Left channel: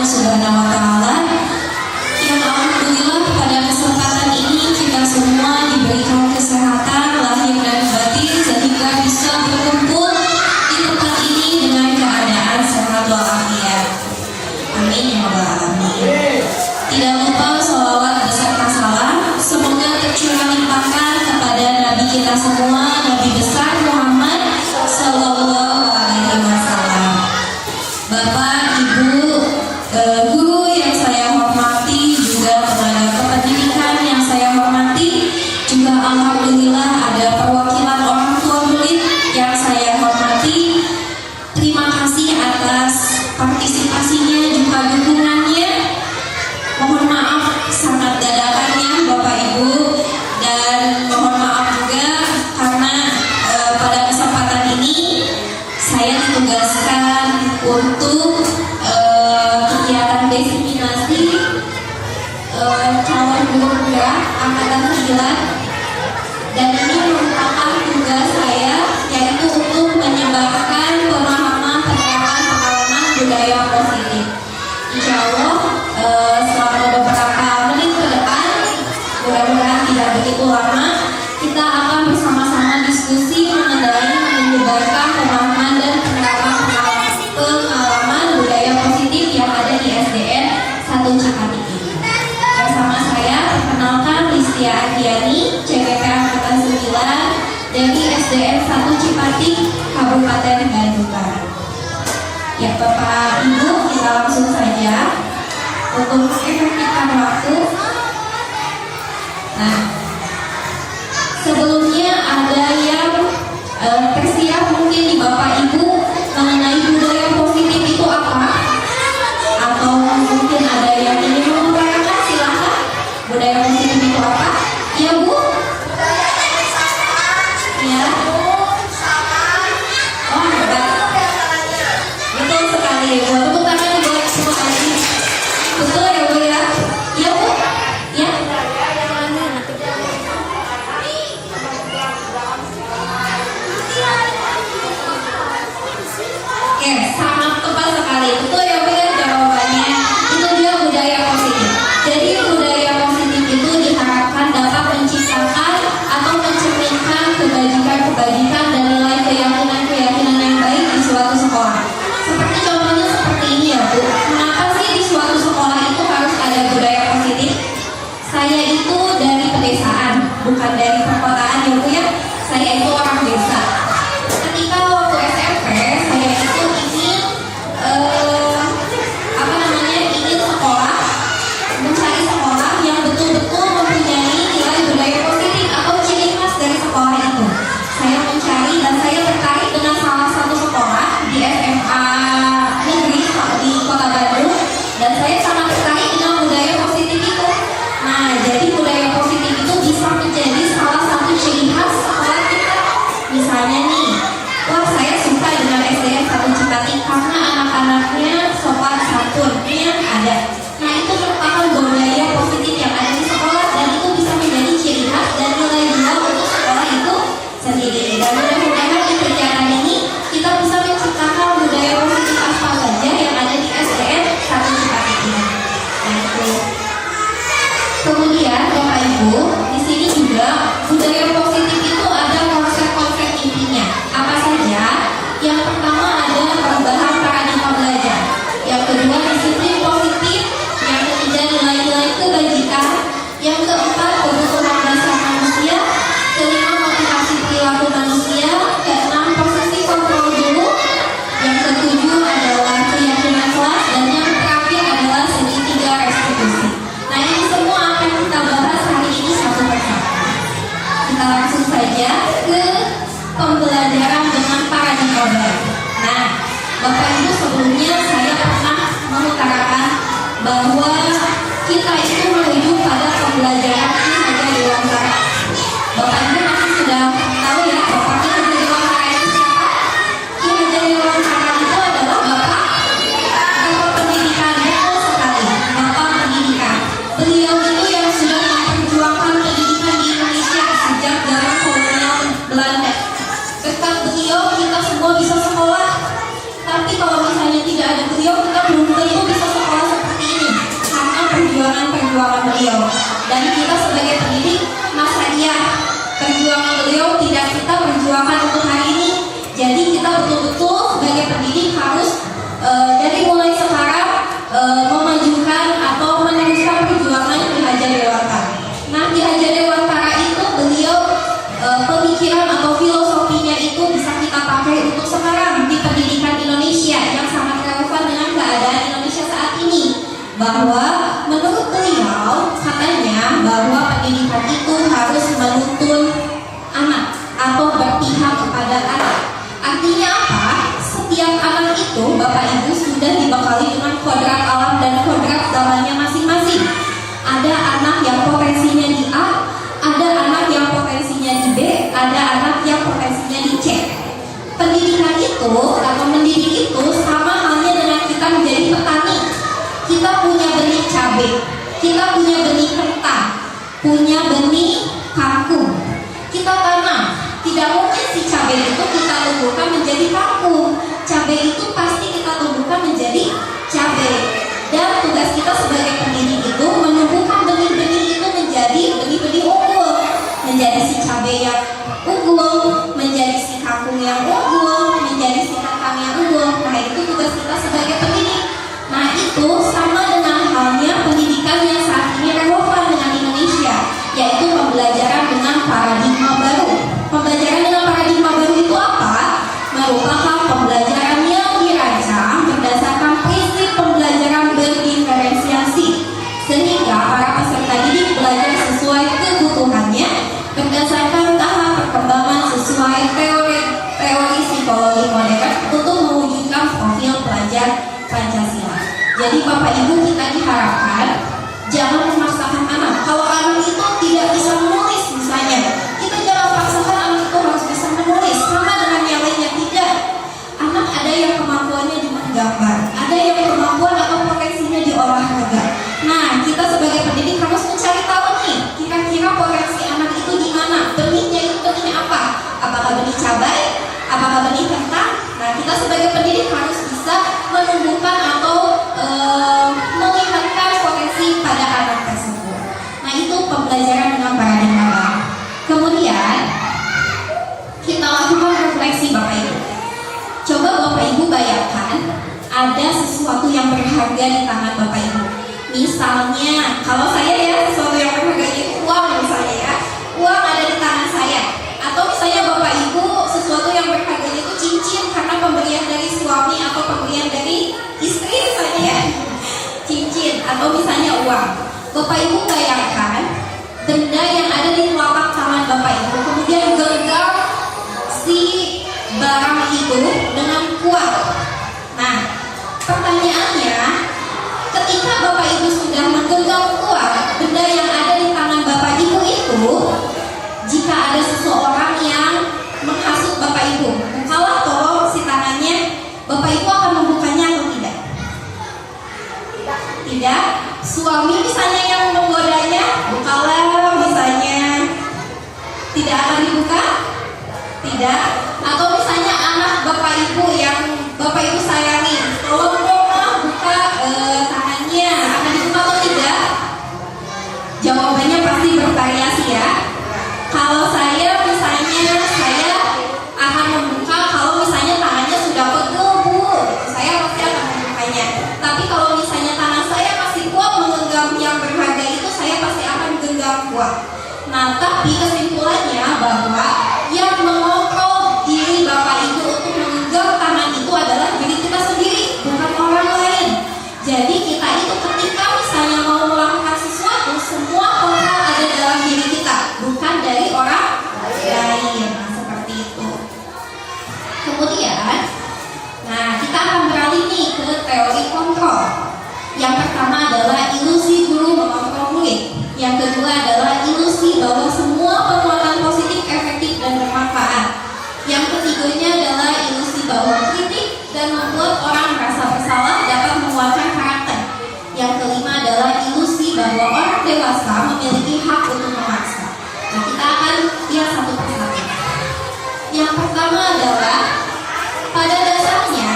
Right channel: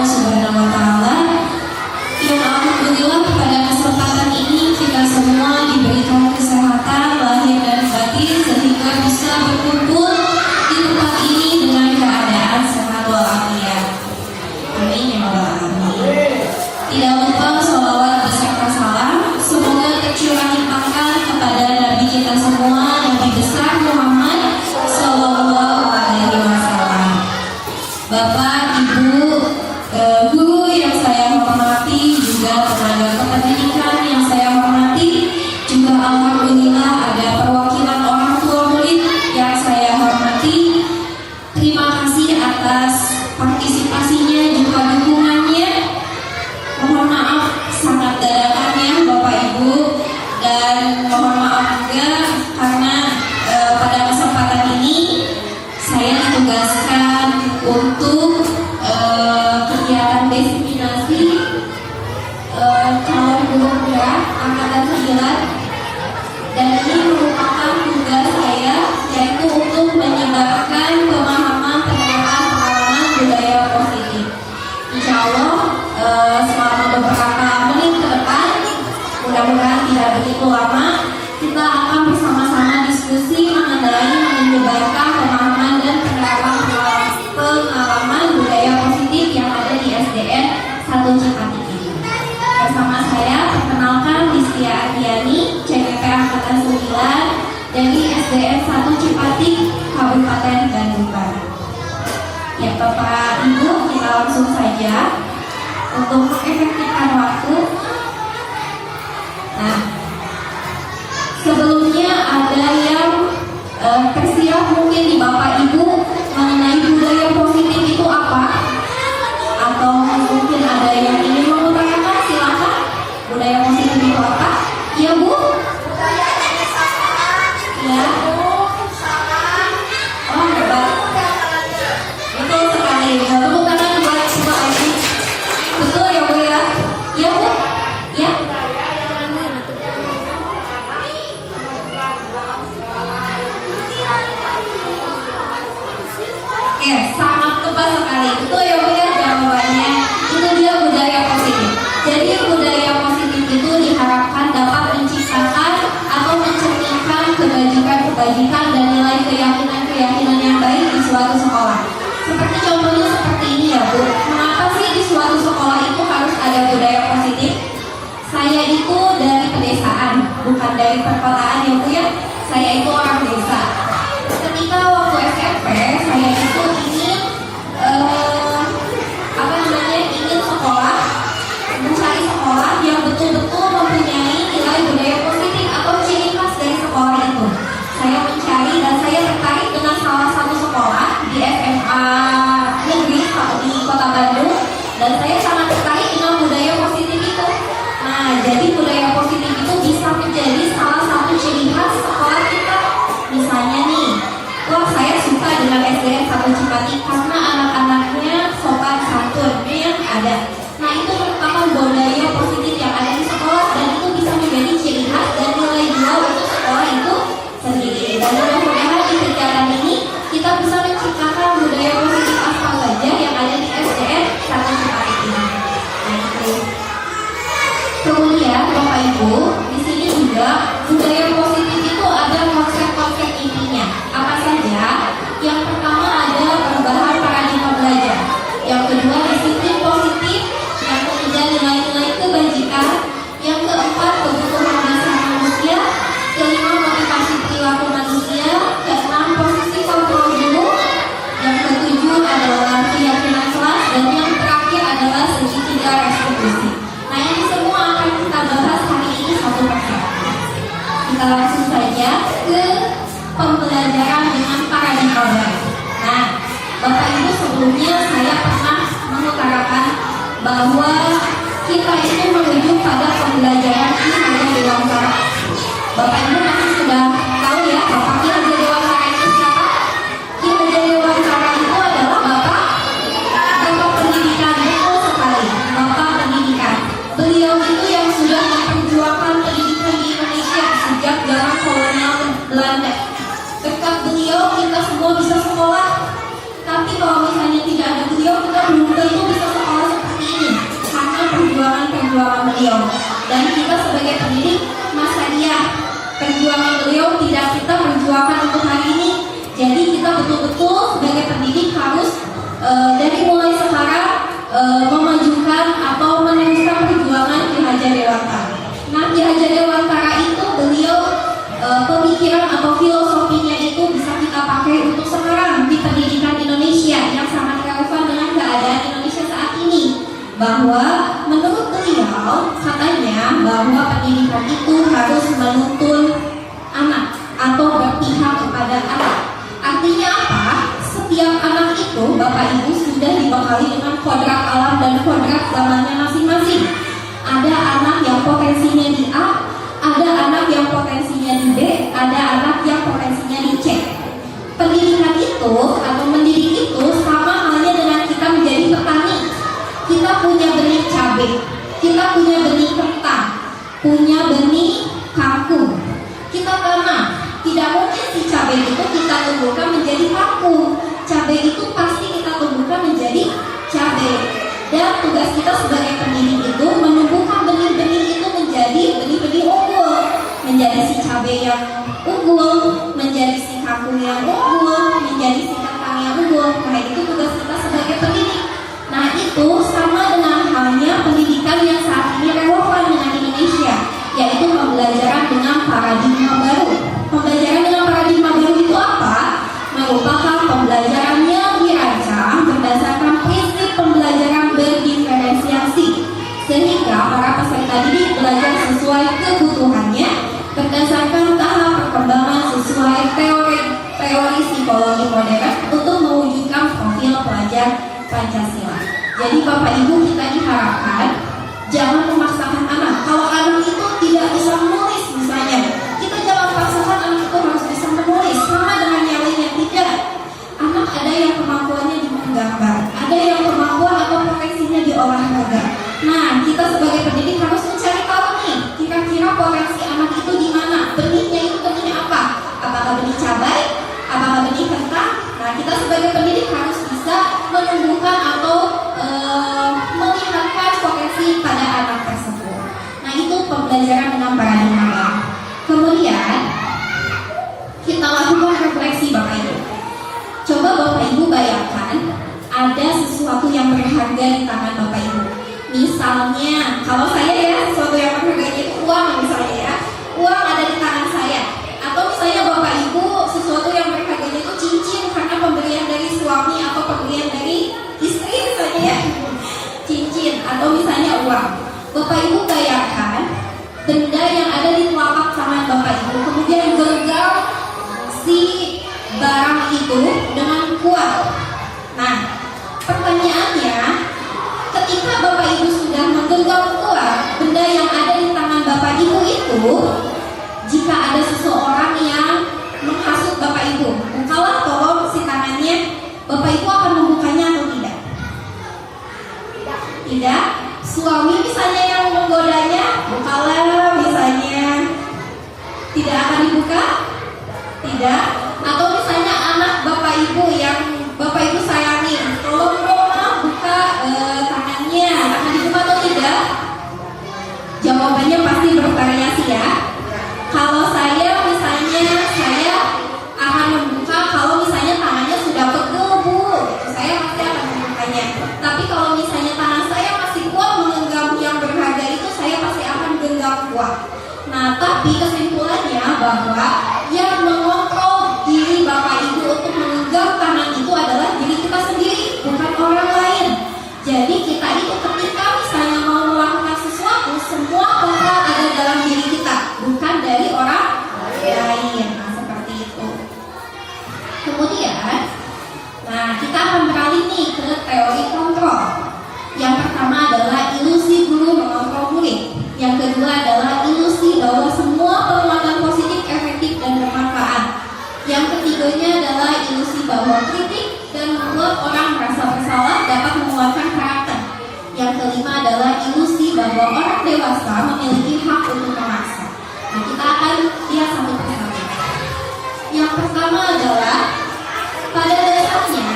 Allah Subhanahu wa Ta'ala, yang alhamdulillah pada kesempatan ini kita semua diberikan kesehatan lahir dan batin sehingga bisa berkumpul di tempat ini dengan keadaan sehat walafiat. Amin ya rabbal alamin. Tidak lupa sholawat beserta salam semoga tercurah limpahkan kepada Nabi kita semua, Nabi besar Muhammad Sallallahu Alaihi Wasallam. Bapak, Ibu, guru yang saya hormati, juga tenaga kependidikan yang saya hormati, juga alhamdulillah ada perwakilan orang tua murid yang saya hormati. Terima kasih atas partisipasinya juga dukungannya. Mohon maaf sangat dadakannya Bapak Ibu, dan mohon maaf juga karena pada kesempatan ini saya ditugaskan untuk kegiatan diseminasi calon guru muda angkatan 9, dan ini merupakan tugas saya, yaitu untuk menyebarkan pemahaman penerapan pengalaman budaya positif. Insya Allah selama beberapa menit ke depan, mudah-mudahan tidak begitu lama, kita akan bersama-sama diskusi mengenai menyebarkan pemahaman dan penerapan pengalaman budaya positif yang ada di SDN 1 Cipati ini. Bersama saya, perkenalkan Listia Adiani, CPP Angkatan 9 dari SDN 1 Cipati, Kabupaten Bandung Barat. Ya Bapak Ibu, kita langsung saja untuk mengefektifkan waktu. Nah, sebelumnya ada yang tersiap mungkin di Bapak Ibu mengenai budaya positif itu apa? Atau mungkin ada yang ingin mengutarakan, silakan. Budaya positif itu apa? Ya Bu? Ya. Oh hebat. Betul sekali. Tepuk tangan buat semua adik. Betul ya Bu ya? Ya Bu? Ya? Oke, sangat tepat sekali. Betul ya Bu ya jawabannya. Itu dia budaya positif. Jadi budaya positif itu diharapkan dapat menciptakan atau mencerminkan kebajikan dan nilai keyakinan yang baik di suatu sekolah. Seperti contohnya seperti ini ya Bu. Kenapa sih di suatu sekolah itu harus ada budaya positif? Saya itu dari pedesaan, bukan dari perkotaan ya Bu ya. Saya itu orang desa. Ketika waktu SMP, saya itu ingin ingin sekolah, mencari sekolah yang betul-betul mempunyai nilai budaya positif atau ciri khas dari sekolah itu. Saya mencari dan saya tertarik dengan salah satu sekolah di SMA negeri di Kota Bandung, dan saya sangat tertarik dengan budaya positif itu. Nah, jadi budaya positif itu bisa menjadi salah satu ciri khas sekolah kita. Misalnya nih, wah saya suka dengan SDN 1 Cipati karena anak-anaknya sopan santun yang ada. Nah itu merupakan budaya positif yang ada di sekolah, dan itu bisa menjadi ciri khas dan nilai jual untuk sekolah itu sendiri. Dan mudah-mudahan di kegiatan ini kita bisa menciptakan budaya positif asal gajah yang ada di SDN 1 Cipati ini. Nah itu. Kemudian Bapak Ibu, di sini juga budaya positif itu ada konsep-konsep intinya. Apa saja? Yang pertama ada perubahan paradigma belajar. Yang kedua disiplin positif. Yang ketiga nilai-nilai kebajikan. Yang keempat kebutuhan dasar manusia. Kelima motivasi perilaku manusia. Keenam posisi kontrol dulu. Yang ketujuh adalah keyakinan kelas, dan yang terakhir adalah segitiga restitusi. Nah ini semua akan kita bahas hari ini satu persatu. Kita langsung saja ke pembelajaran dengan paradigma baru. Nah, Bapak Ibu, sebelumnya saya pernah mengutarakan bahwa kita itu menuju pada pembelajaran Ki Hajar Dewantara. Bapak Ibu masih sudah tahu ya Bapak Ki Hajar Dewantara itu siapa? Ki Hajar Dewantara itu adalah Bapak Pendidikan. Betul sekali, Bapak Pendidikan. Beliau itu yang sudah memperjuangkan pendidikan di Indonesia sejak zaman kolonial Belanda. Berkat beliau kita semua bisa sekolah. Tapi kalau misalnya tidak ada beliau, kita belum tentu bisa sekolah bahwa menurut beliau katanya bahwa pendidikan itu harus menuntun anak atau berpihak kepada anak. Artinya apa? Setiap anak itu Bapak Ibu sudah dibekali dengan kodrat alam dan kodrat zamannya masing-masing. Ada anak yang potensinya di A, ada anak yang potensinya di B, ada anak yang potensinya di C. Pendidikan itu atau mendidik itu sama halnya dengan kita menjadi petani. Kita punya benih cabai, kita punya benih kentang, punya benih kangkung. Kita tanam. Tidak mungkin si cabai itu kita tumbuhkan menjadi kangkung. Cabai itu pasti kita tumbuhkan menjadi cabai. Dan tugas kita sebagai pendidik itu menumbuhkan benih-benih itu menjadi benih-benih unggul, menjadi si cabai yang unggul, menjadi si kangkung yang unggul, menjadi si kentang yang unggul. Nah, itu tugas kita sebagai pendidik. Nah, itu sama dengan halnya pendidikan yang saat ini relevan dengan Indonesia, yaitu pembelajaran dengan paradigma baru. Pembelajaran dengan paradigma baru itu apa? Merupakan pembelajaran yang dirancang berdasarkan prinsip pembelajaran berdiferensiasi, sehingga para peserta didik belajar sesuai kebutuhannya berdasarkan tahap perkembangan sesuai teori psikologi modern untuk mewujudkan profil pelajar Pancasila. Jadi Bapak Ibu, kita diharapkan jangan memaksakan anak. Kalau anak itu tidak bisa menulis misalnya, kita jangan paksakan anak itu harus bisa menulis sama dengan yang lainnya. Tidak. Anak ada yang kemampuannya di menggambar, ada yang kemampuan atau potensinya di olahraga. Nah, kita sebagai pendidik harus mencari tahu nih, kira-kira potensi anak itu di mana? Benihnya itu benihnya apa? Apakah benih cabai? Apakah benih kentang? Nah, kita sebagai pendidik harus bisa menumbuhkan atau melihatkan potensi pada anak tersebut. Nah, itu pembelajaran dengan paradigma baru. Kemudian kita lakukan refleksi Bapak Ibu. Coba Bapak Ibu bayangkan ada sesuatu yang berharga di tangan Bapak Ibu. Misalnya, kalau saya ya, sesuatu yang berharga itu uang misalnya ya. Uang ada di tangan saya. Atau misalnya Bapak Ibu sesuatu yang berharga itu cincin karena pemberian dari suami atau pemberian dari istri misalnya ya. Cincin atau misalnya uang. Bapak Ibu bayangkan benda yang ada di telapak tangan Bapak Ibu kemudian genggam si barang itu dengan kuat. Nah, pertanyaannya, ketika Bapak Ibu sudah menggenggam kuat benda yang ada di tangan Bapak Ibu itu, jika ada seseorang yang menghasut Bapak Ibu, bukalah tolong si tangannya, Bapak Ibu akan membukanya atau tidak? Tidak. Suami misalnya yang menggodanya, bukalah misalnya, tidak akan dibuka? Tidak. Atau misalnya anak Bapak Ibu yang Bapak Ibu sayangi, tolong dong buka tangannya, akan dibuka atau tidak? Jawabannya pasti bervariasi ya. Kalau saya misalnya, saya akan membuka kalau misalnya tangannya sudah pegel Bu, saya pasti akan membukanya. Tapi kalau misalnya tangan saya masih kuat menggenggam yang berharga itu, saya pasti akan genggam kuat. Nah, tapi kesimpulannya bahwa yang mengontrol diri Bapak Ibu untuk menggenggam tangan itu adalah diri kita sendiri, bukan orang lain. Jadi kita itu ketika misalnya mau melakukan sesuatu, semua kontrol ada dalam diri kita, bukan dari orang lain. Nah, seperti itu. Kemudian, nah kita akan beralih nih ke teori kontrol. Yang pertama adalah ilusi guru mengontrol murid. Yang kedua adalah ilusi bahwa semua penguatan positif, efektif, dan bermanfaat. Yang ketiganya adalah ilusi bahwa kritik dan membuat orang merasa bersalah dapat menguatkan karakter. Yang kelima adalah ilusi bahwa orang dewasa memiliki hak untuk memaksa. Nah, kita akan lihat satu persatu. Yang pertama adalah pada dasarnya,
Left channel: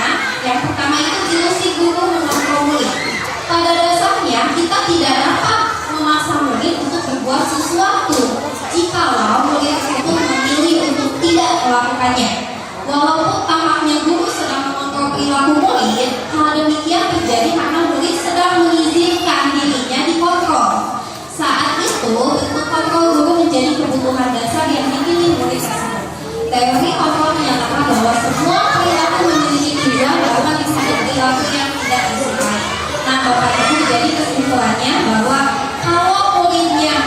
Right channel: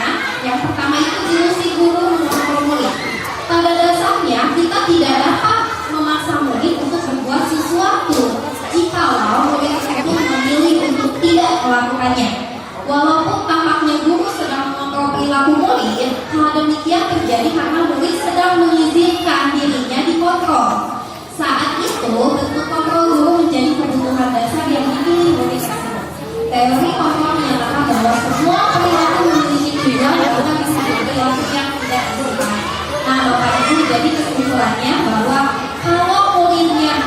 yang pertama itu ilusi guru mengontrol murid. Pada dasarnya kita tidak dapat memaksa murid untuk berbuat sesuatu jikalau murid tersebut memilih untuk tidak melakukannya. Walaupun tampaknya guru sedang mengontrol perilaku murid, hal demikian terjadi karena murid sedang mengizinkan dirinya dikontrol. Saat itu, bentuk kontrol guru menjadi kebutuhan dasar yang dipilih murid tersebut. Teori kontrol menyatakan bahwa semua perilaku memiliki tujuan, bahkan disebut perilaku yang tidak disukai. Nah, Bapak Ibu jadi kesimpulannya bahwa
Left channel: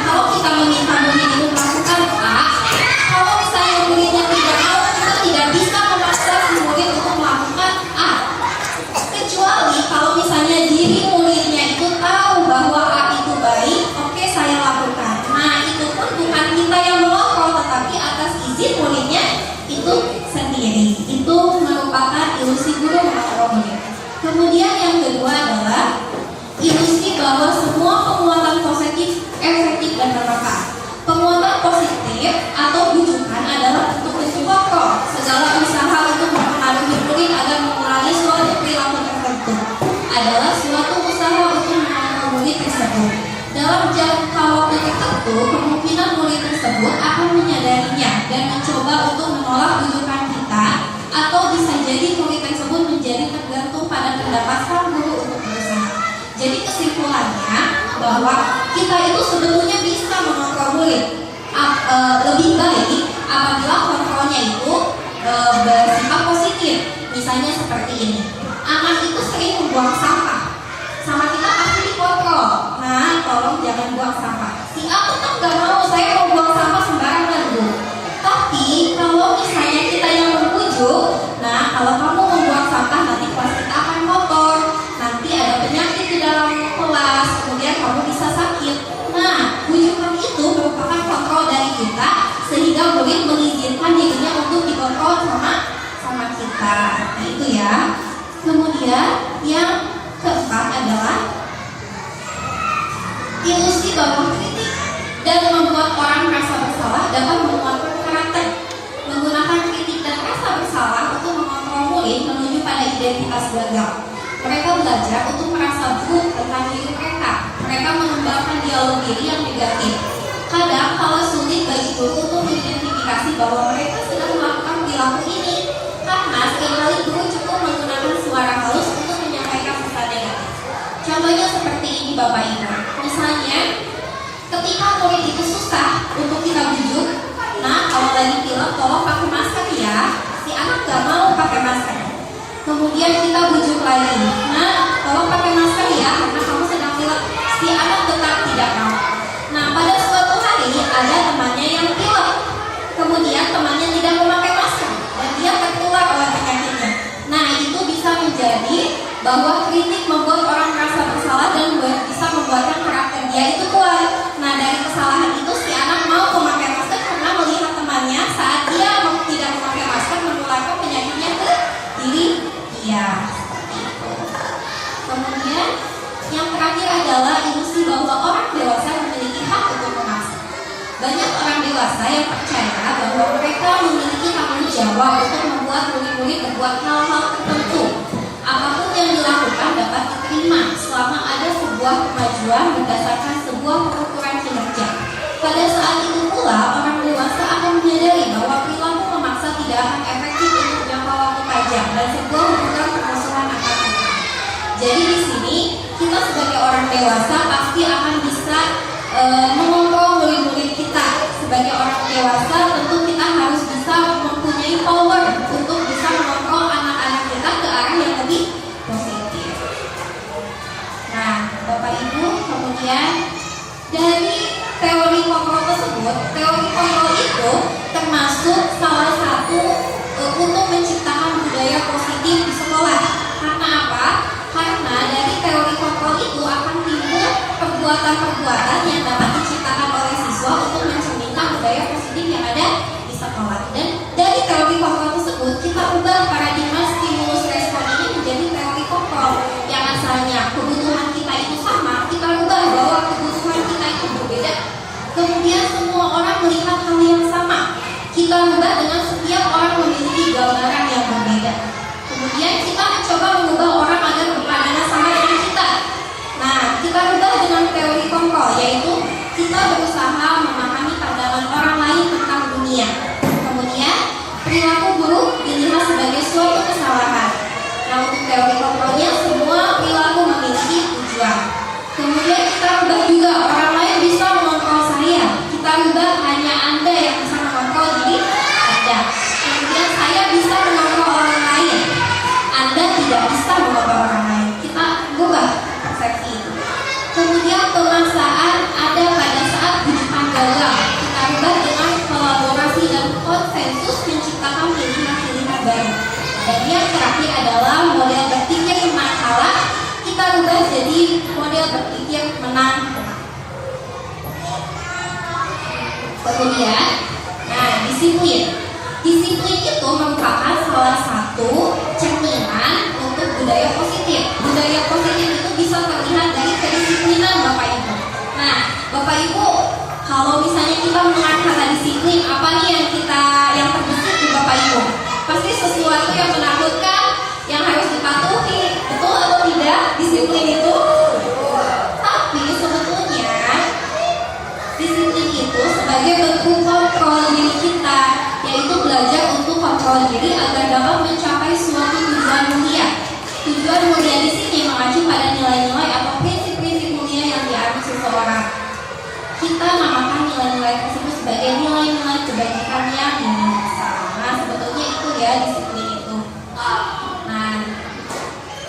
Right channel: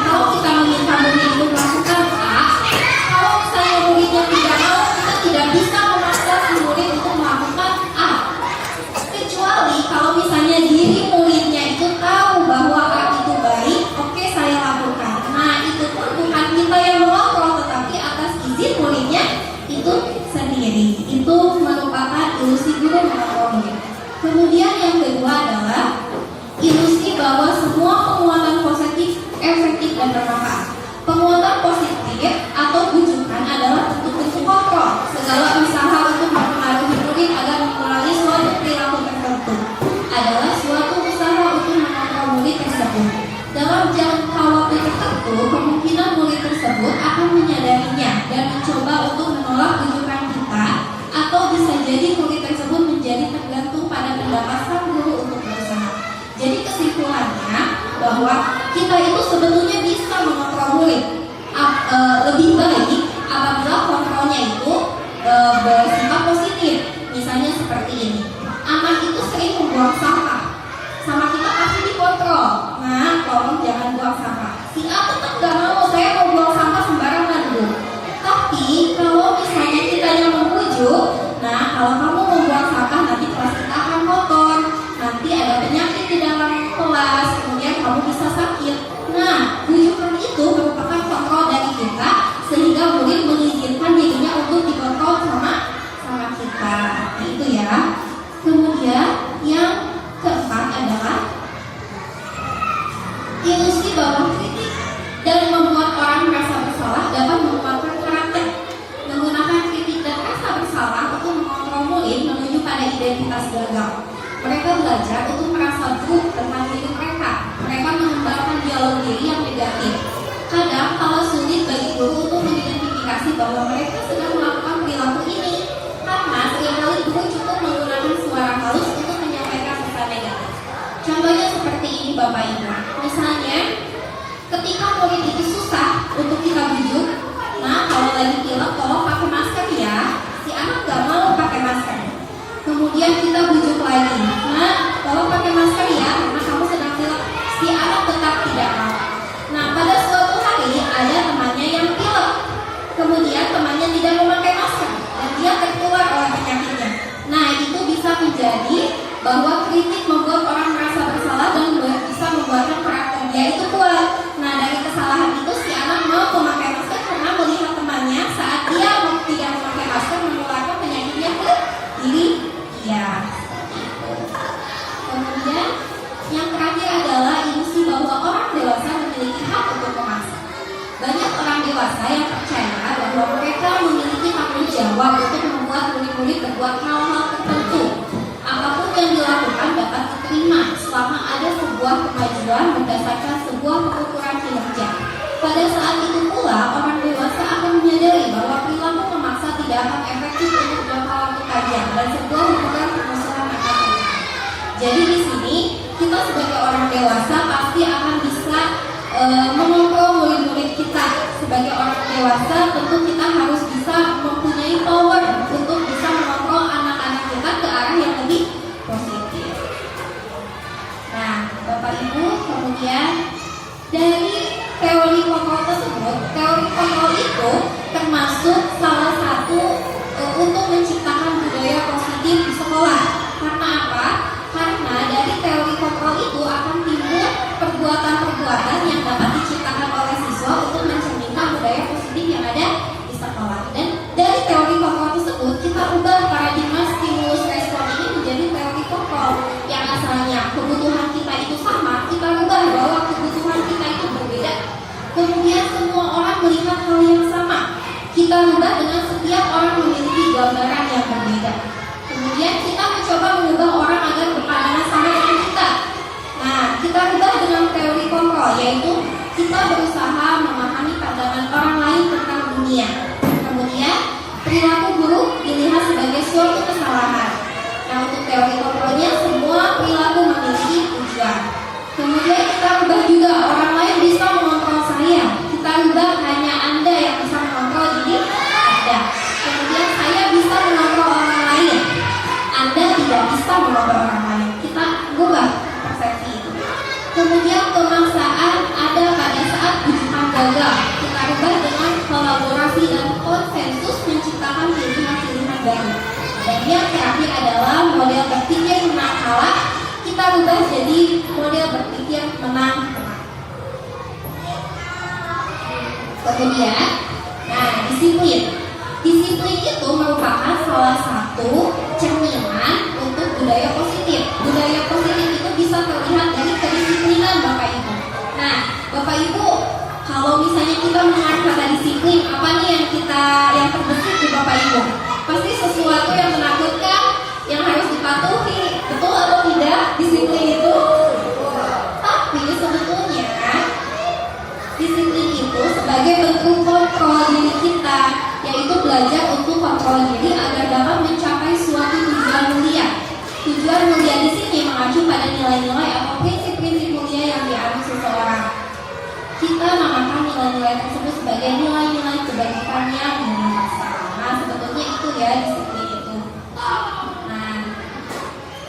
kalau kita meminta murid itu melakukan A, kalau misalnya muridnya tidak mau, kita tidak bisa memaksa si murid untuk melakukan A. Kecuali kalau misalnya diri muridnya itu tahu bahwa A itu baik, oke, saya lakukan. Nah, itu pun bukan kita yang mengontrol, tetapi atas izin muridnya itu sendiri. Itu merupakan ilusi guru mengontrol murid. Kemudian yang kedua adalah ilusi bahwa semua penguatan positif efektif dan bermanfaat. Penguatan positif atau bujukan adalah bentuk-bentuk kontrol. Segala usaha untuk mempengaruhi murid agar mengenali suatu perilaku tertentu adalah suatu usaha untuk mengontrol murid tersebut. Dalam jangka waktu tertentu, kemungkinan murid tersebut akan menyadarinya dan mencoba untuk menolak bujukan kita, atau bisa jadi murid tersebut menjadi tergantung pada pendapat sang guru untuk berusaha. Jadi kesimpulannya bahwa kita itu sebetulnya bisa mengontrol murid. Lebih baik apabila kontrolnya itu bersifat positif. Misalnya seperti ini, anak itu sering membuang sampah, sama kita pasti dikontrol. Nah, tolong jangan buang sampah. Si A tetap gak mau, saya mau buang sampah sembarangan Bu. Tapi kalau misalnya kita yang membujuk, nah kalau kamu membuang sampah nanti kelas kita akan kotor, nanti ada penyakit di dalam kelas, kemudian kamu bisa sakit. Nah, bujukan itu merupakan kontrol dari kita, sehingga murid mengizinkan dirinya untuk dikontrol sama kita. Nah itu ya. Kemudian yang keempat adalah ilusi bahwa kritik dan membuat orang merasa bersalah dapat menguatkan karakter. Menggunakan kritik dan rasa bersalah untuk mengontrol murid menuju pada identitas gagal. Mereka belajar untuk merasa buruk tentang diri mereka. Mereka mengembangkan dialog diri yang negatif. Kadang kalau sulit bagi guru untuk mengidentifikasi bahwa mereka sedang melakukan perilaku ini, karena seringkali guru cukup menggunakan suara halus untuk menyampaikan pesan negatif. Contohnya seperti ini Bapak Ibu. Misalnya, ketika murid itu susah untuk kita bujuk, nah kalau lagi pilek tolong pakai masker ya. Si anak gak mau pakai masker. Kemudian kita bujuk lagi, nah tolong pakai masker ya karena kamu sedang pilek. Si anak tetap tidak mau. Nah pada suatu hari ada temannya yang pilek, kemudian temannya tidak memakai masker dan dia tertular oleh penyakitnya. Nah itu bisa menjadi bahwa kritik membuat orang merasa bersalah dan bisa membuatkan karakter dia itu kuat. Nah dari kesalahan itu si anak mau memakai masker karena melihat temannya saat dia tidak memakai masker menularkan penyakitnya ke diri dia. Kemudian yang terakhir adalah ilusi bahwa orang dewasa memiliki hak untuk memaksa. Banyak orang dewasa yang percaya bahwa mereka memiliki tanggung jawab untuk membuat murid-murid berbuat hal-hal tertentu. Apapun yang dilakukan dapat diterima selama ada sebuah kemajuan berdasarkan sebuah pengukuran kinerja. Pada saat itu pula, orang dewasa akan menyadari bahwa perilaku memaksa tidak akan efektif untuk jangka waktu panjang dan sebuah hubungan permusuhan akan terjadi. Jadi di sini kita sebagai orang dewasa pasti akan bisa mengontrol murid-murid kita. Sebagai orang dewasa tentu kita harus bisa mempunyai power untuk bisa mengontrol anak-anak kita ke arah yang lebih positif. Nah, Bapak Ibu, kemudian dari teori kontrol tersebut, teori kontrol itu termasuk salah satu untuk menciptakan budaya positif di sekolah. Karena apa? Karena dari teori kontrol itu akan timbul perbuatan-perbuatan yang dapat diciptakan oleh siswa untuk mencerminkan budaya positif yang ada di sekolah. Dan dari teori kontrol tersebut kita ubah paradigma stimulus respon ini menjadi teori kontrol yang asalnya kebutuhan kita itu sama, kita ubah bahwa kebutuhan kita itu berbeda. Kemudian semua orang melihat hal yang sama, kita ubah dengan setiap orang memiliki gambaran yang berbeda. Kemudian kita mencoba mengubah orang agar berpandangan sama dengan kita. Nah, kita ubah dengan teori kontrol, yaitu kita berusaha memahami pandangan orang lain tentang dunia. Kemudian perilaku buruk dilihat sebagai suatu kesalahan. Nah, untuk teori kontrolnya semua perilaku memiliki tujuan. Kemudian kita ubah juga orang lain bisa mengontrol saya. Kita ubah hanya Anda yang bisa mengontrol diri Anda. Kemudian saya bisa mengontrol orang lain. Anda tidak bisa mengontrol orang lain. Kita ubah persepsi itu. Kemudian pemaksaan ada pada saat ujian gagal. Kita ubah dengan kolaborasi dan konsensus menciptakan pilihan-pilihan baru. Dan yang terakhir adalah model berpikir menang kalah. Kita ubah jadi model berpikir menang menang. Kemudian, disiplin. Disiplin itu merupakan salah satu cerminan untuk budaya positif. Budaya positif itu bisa terlihat dari kedisiplinan Bapak Ibu. Nah, Bapak Ibu, kalau misalnya kita mendengar kata disiplin, apa nih yang terbesit di Bapak Ibu? Pasti sesuatu yang menakutkan, yang harus dipatuhi. Betul atau tidak disiplin itu? Tapi sebetulnya disiplin itu sebagai bentuk kontrol diri kita, yaitu belajar untuk kontrol diri agar dapat mencapai suatu tujuan mulia. Tujuan mulia di sini mengacu pada nilai-nilai atau prinsip-prinsip mulia yang diambil seseorang. Kita namakan nilai-nilai tersebut sebagai nilai-nilai kebajikan yang universal. Nah, sebetulnya itu ya disiplin itu. Nah,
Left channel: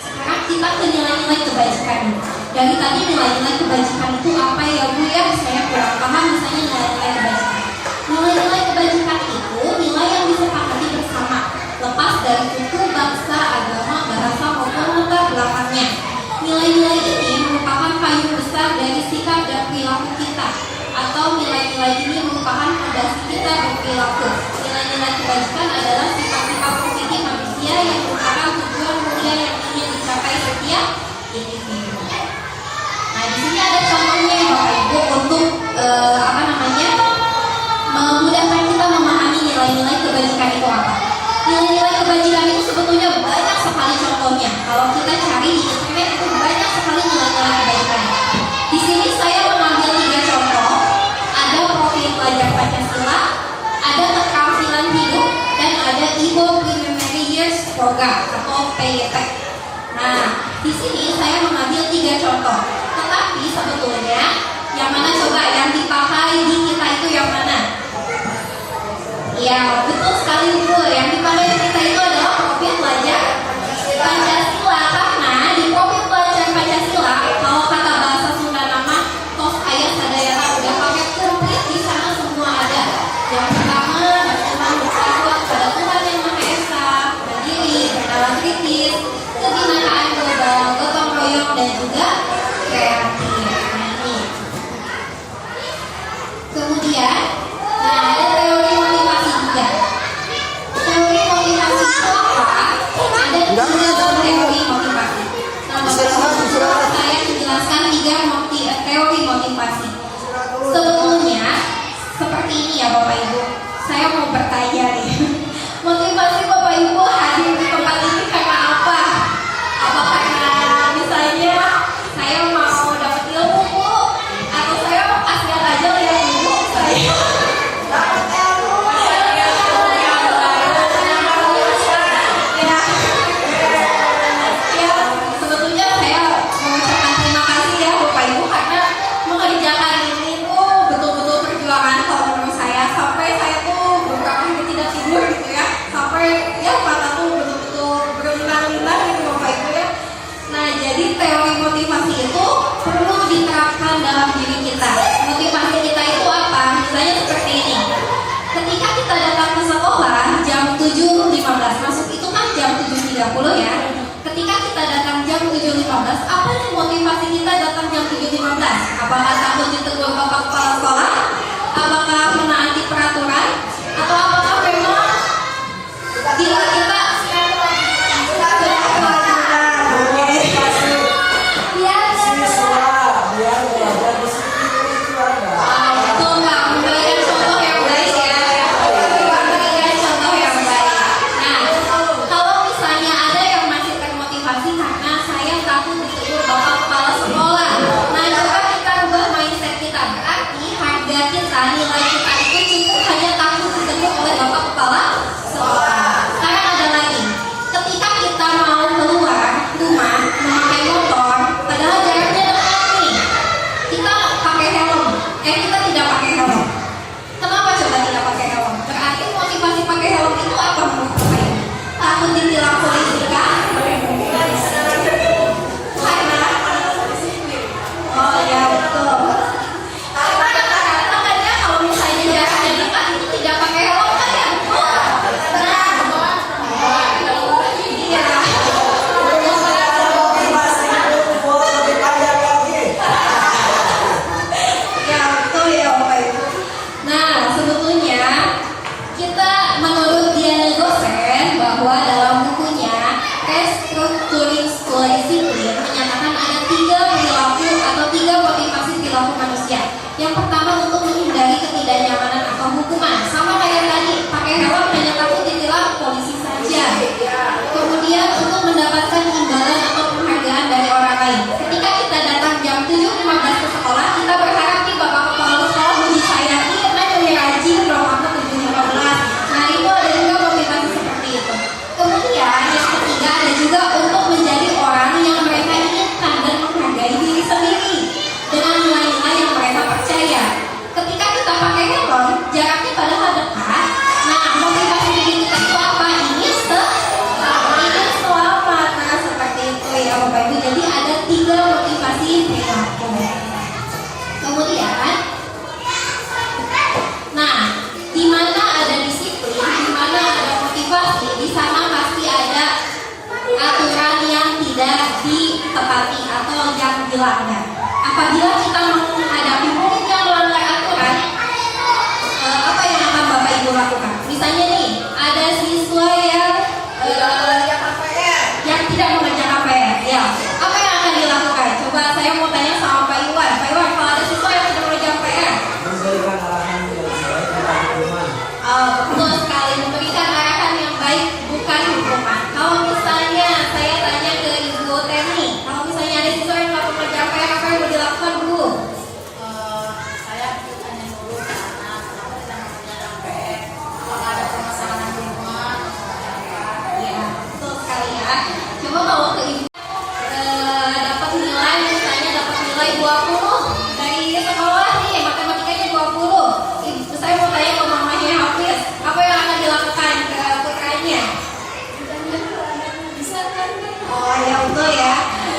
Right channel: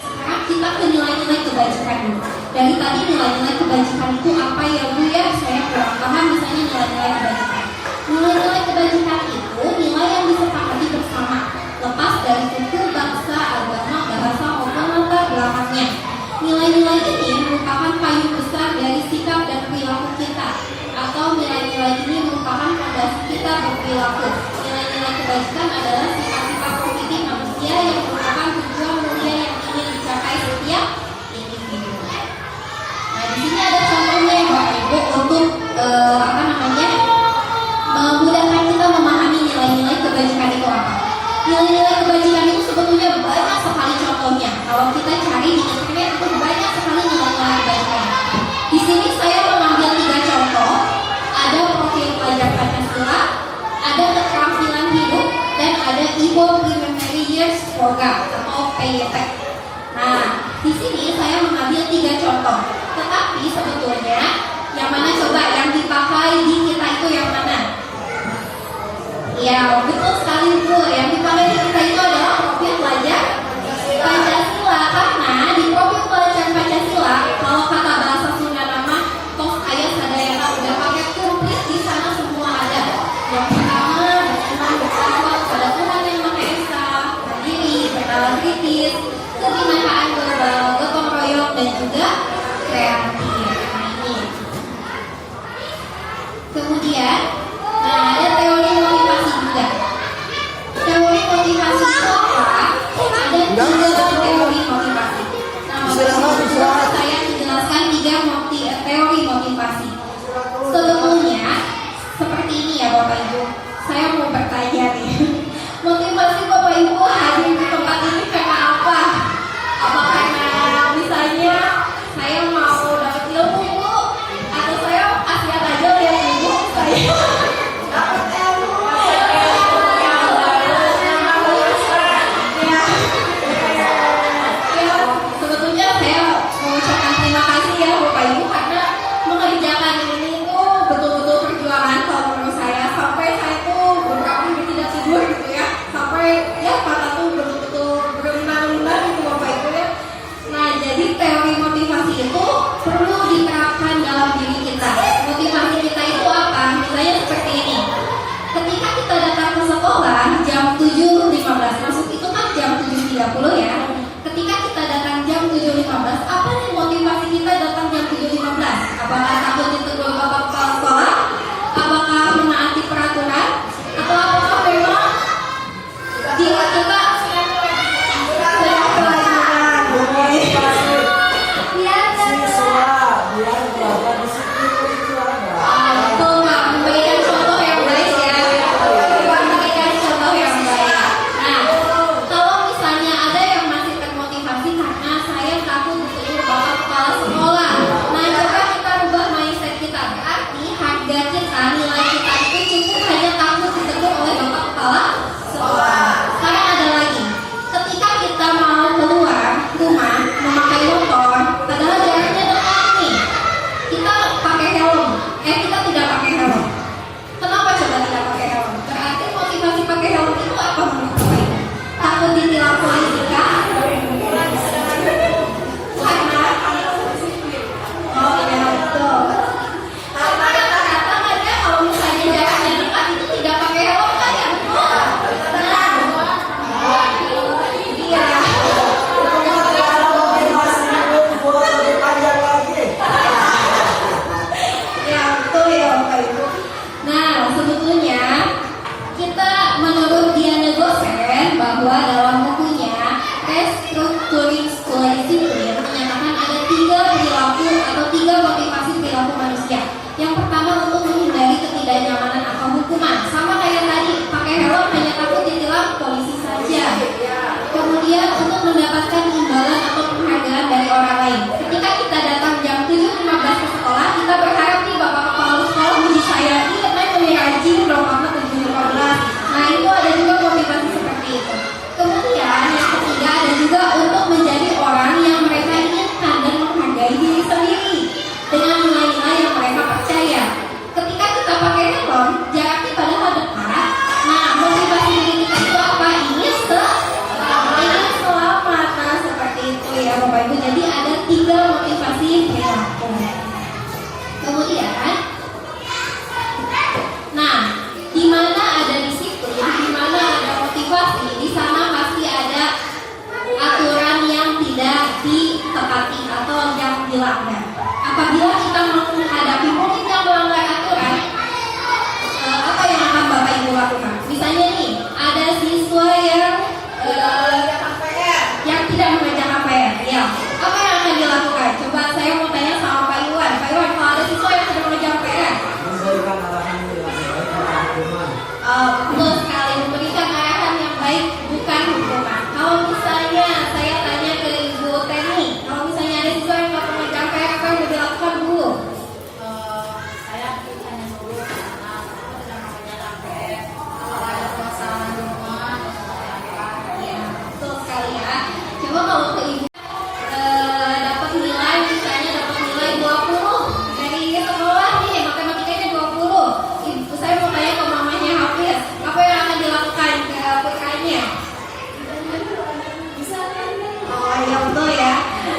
sekarang kita ke nilai-nilai kebajikan dulu. Dari tadi nilai-nilai kebajikan itu apa ya Bu ya? Saya kurang paham misalnya nilai-nilai kebajikan. Nilai-nilai kebajikan itu nilai yang disepakati bersama, lepas dari suku, bangsa, agama, bahasa maupun latar belakangnya. Nilai-nilai ini merupakan payung besar dari sikap dan perilaku kita, atau nilai-nilai ini merupakan fondasi kita berperilaku. Nilai-nilai kebajikan adalah sifat-sifat positif manusia yang merupakan tujuan mulia yang ingin dicapai setiap individu. Nah, di sini ada contohnya Bapak Ibu untuk memudahkan kita memahami nilai-nilai kebajikan itu apa. Nilai-nilai kebajikan itu sebetulnya banyak sekali contohnya. Kalau kita cari di internet itu banyak sekali nilai-nilai kebajikan. Di sini saya mengambil 3 contoh. Ada profil pelajar Pancasila, ada keterampilan hidup, dan ada Ibo Primary Years Program atau PYP. Nah, di sini saya mengambil 3 contoh. Tetapi sebetulnya yang mana coba yang dipakai di kita itu yang mana? Ya, betul sekali Bu. Yang dipakai di kita itu adalah profil pelajar Pancasila. Karena di profil pelajar Pancasila, kalau kata bahasa Sunda nama tos ayat sadayana udah pakai komplit di sana semua ada. Yang pertama, beriman bertakwa pada Tuhan yang Maha Esa, mandiri, bernalar kritis, kebinakaan global, gotong royong, dan juga kreatif. Kemudian, ada teori motivasi juga. Teori motivasi itu apa? Ada 3 teori motivasi. Saya menjelaskan 3 teori motivasi. Sebetulnya seperti ini ya Bapak Ibu. Saya mau bertanya nih. Motivasi Bapak Ibu hadir di tempat ini karena apa? Apa karena misalnya saya mau dapat ilmu Bu, atau saya kasihan aja lihat ibu saya dapat ilmu. Ya, sebetulnya saya mengucapkan terima kasih ya Bapak Ibu karena mengerjakan ini tuh betul-betul perjuangan kalau menurut saya, sampai saya tuh beberapa hari tidak tidur gitu ya, sampai ya mata tuh betul-betul berlinang-linang gitu Bapak Ibu ya. Nah, jadi teori motivasi itu perlu diterapkan dalam diri kita. Motivasi kita itu apa? Misalnya seperti ini. Ketika kita datang ke sekolah jam 7.15, masuk itu kan jam 7.30 ya. Ketika kita datang jam 7.15, apa nih motivasi kita datang jam 7.15? Apakah takut ditegur bapak kepala sekolah? Apakah menaati peraturan? Atau apakah memang diri kita kita apabila kita menghadapi murid yang melanggar aturan, apa yang akan Bapak Ibu lakukan? Misalnya nih, ada siswa yang tidak mengerjakan PR, ya. Apa yang akan dilakukan? Coba saya mau tanya sama Pak Iwan. Pak Iwan, kalau ada siswa yang tidak mengerjakan PR, betul sekali, memberikan arahan yang baik, bukan hukuman. Kalau misalnya saya tanya ke Ibu Teni, kalau misalnya ada siswa yang tidak mengerjakan PR, apa yang mau dilakukan, Bu? Saya tanya dulu ke anak, kenapa tidak mengerjakan PR? Apakah ada permasalahan di rumah? Ya, betul sekali ya. Coba kalau ke Ibu dapat nilai, misalnya dapat nilai 20 dari sekolah nih, matematikanya 20. Ibu saya mau tanya ke mamanya Hafiz, apa yang akan dilakukan ke putranya? Oh ya, betul ya.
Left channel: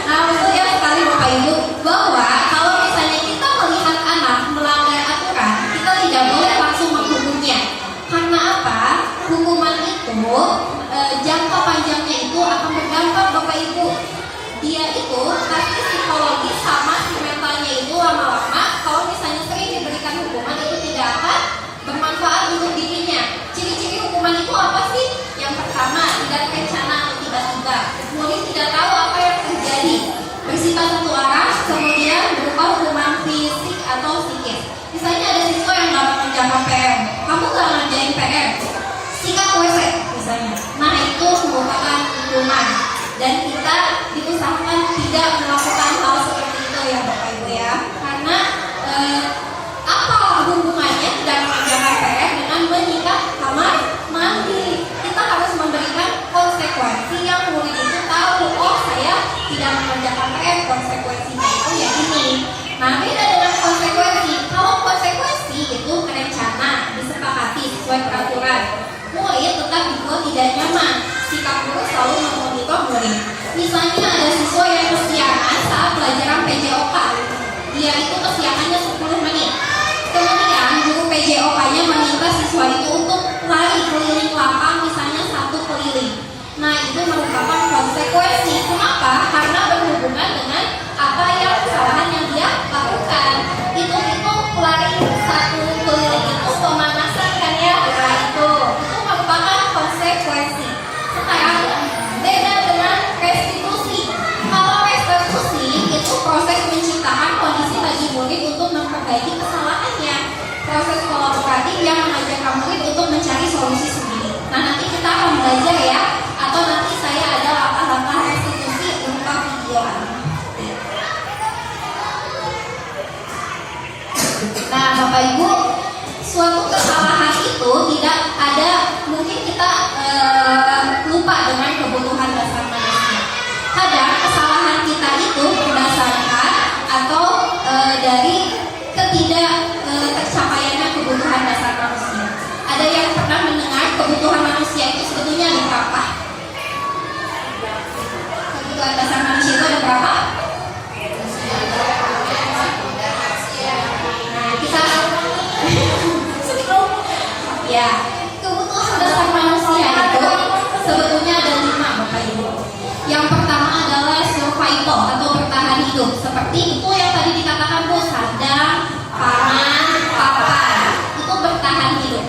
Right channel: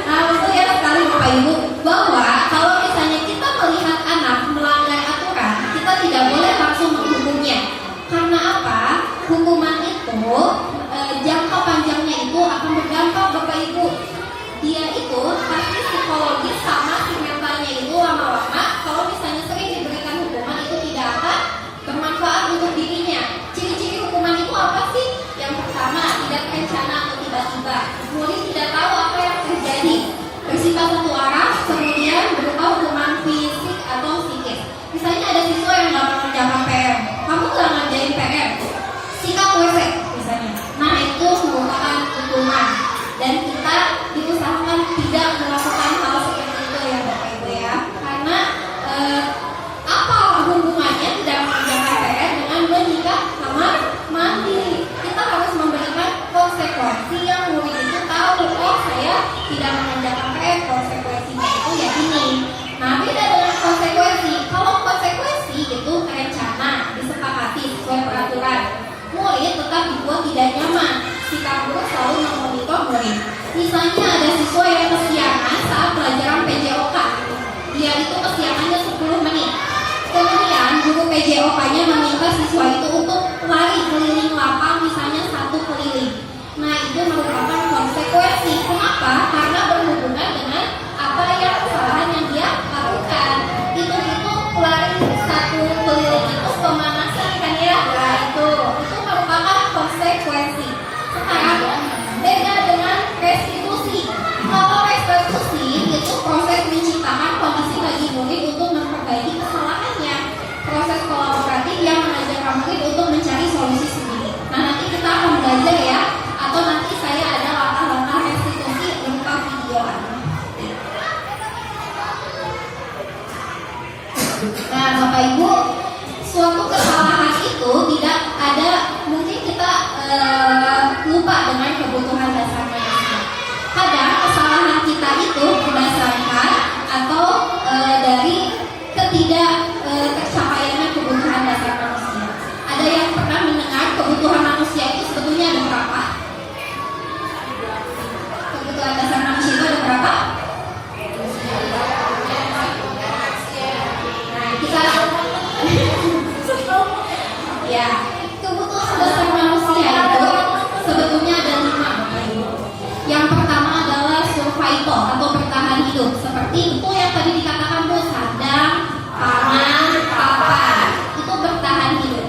Nah, betul ya sekali Bapak Ibu, bahwa kalau misalnya kita melihat anak melanggar aturan, kita tidak boleh langsung menghukumnya. Karena apa? Hukuman itu jangka panjangnya itu akan berdampak Bapak Ibu. Dia itu pasti psikologis sama si mentalnya itu lama-lama kalau misalnya sering diberikan hukuman itu tidak akan bermanfaat untuk dirinya. Ciri-ciri hukuman itu apa sih? Yang pertama, tidak terencana atau tiba-tiba. Murid tidak tahu apa yang terjadi. Bersifat satu arah, kemudian berupa hukuman fisik atau psikis. Misalnya ada siswa yang nggak mengerjakan PR, kamu nggak ngerjain PR, sikat WC misalnya. Nah itu merupakan hukuman dan kita diusahakan tidak melakukan hal seperti itu ya Bapak Ibu ya. Karena apa hubungannya tidak mengerjakan PR dengan menyikat kamar mandi? Kita harus memberikan konsekuensi yang murid itu tahu, oh saya tidak mengerjakan PR, konsekuensinya itu ya ini. Nah beda dengan konsekuensi. Kalau konsekuensi itu terencana, disepakati sesuai peraturan, murid tetap dibuat tidak nyaman. Sikap guru selalu memonitor murid. Misalnya ada siswa yang kesiangan saat pelajaran PJOK, dia itu kesiangannya 10 menit. Kemudian guru PJOK-nya meminta siswa itu untuk lari keliling lapang, misalnya 1 keliling. Nah itu merupakan konsekuensi. Kenapa? Karena berhubungan dengan apa yang kesalahan yang dia lakukan. Itu lari 1 keliling itu pemanasan kan ya? Nah itu merupakan konsekuensi. Sekarang beda dengan restitusi. Kalau restitusi itu proses menciptakan kondisi bagi murid untuk memperbaiki kesalahannya. Proses kolaboratif yang mengajarkan murid untuk mencari solusi sendiri. Nah nanti kita akan belajar ya, atau nanti saya ada langkah-langkah restitusi berupa video. Nah Bapak Ibu, suatu kesalahan itu tidak ada, mungkin kita lupa dengan kebutuhan dasar manusia. Kadang kesalahan kita itu berdasarkan atau dari ketidak tercapaiannya kebutuhan dasar manusia. Ada yang pernah mendengar kebutuhan manusia itu sebetulnya ada berapa? Kebutuhan dasar manusia itu ada berapa? Nah kita ya, kebutuhan dasar manusia itu sebetulnya ada 5 Bapak Ibu. Yang pertama adalah survival atau bertahan hidup. Seperti itu yang tadi dikatakan Bu, sandang, pangan, papan. Itu bertahan hidup.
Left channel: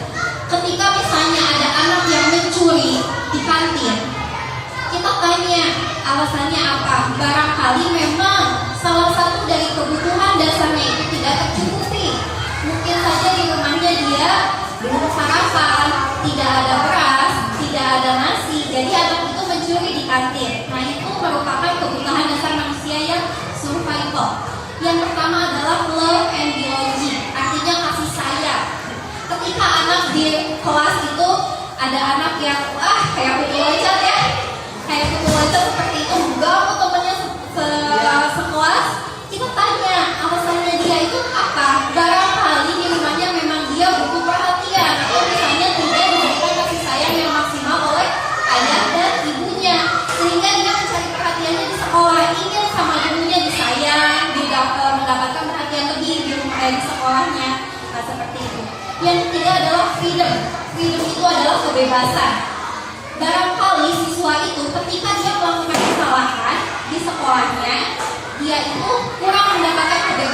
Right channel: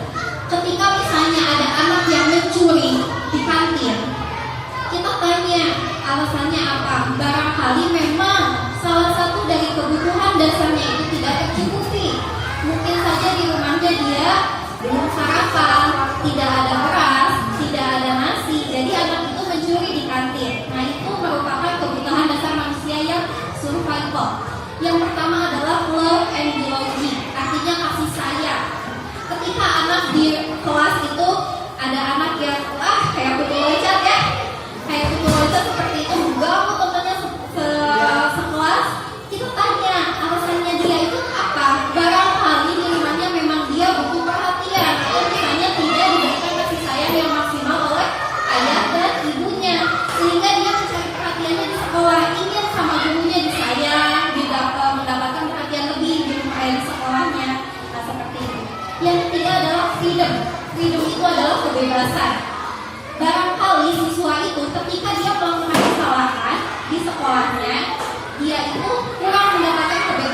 Ketika misalnya ada anak yang mencuri di kantin, kita tanya alasannya apa? Barangkali memang salah satu dari kebutuhan dasarnya itu tidak tercukupi. Mungkin saja di rumahnya dia belum sarapan, tidak ada beras, tidak ada nasi, jadi anak itu mencuri di kantin. Nah itu merupakan kebutuhan dasar manusia yang survival. Yang pertama adalah love and belonging, artinya kasih sayang. Ketika anak di kelas itu ada anak yang kayak putu loncat ya, kayak putu loncat seperti itu, gak mau temennya sekelas, kita tanya alasannya dia itu apa. Barangkali di rumahnya memang dia butuh perhatian, atau misalnya tidak diberikan kasih sayang yang maksimal oleh ayah dan ibunya, sehingga dia mencari perhatiannya di sekolah, ingin sama gurunya disayang, mendapatkan perhatian lebih di sekolahnya. Nah seperti itu. Yang ketiga adalah freedom. Freedom itu adalah kebebasan. Barangkali siswa itu ketika dia melakukan kesalahan di sekolahnya, dia itu kurang mendapatkan kebebasan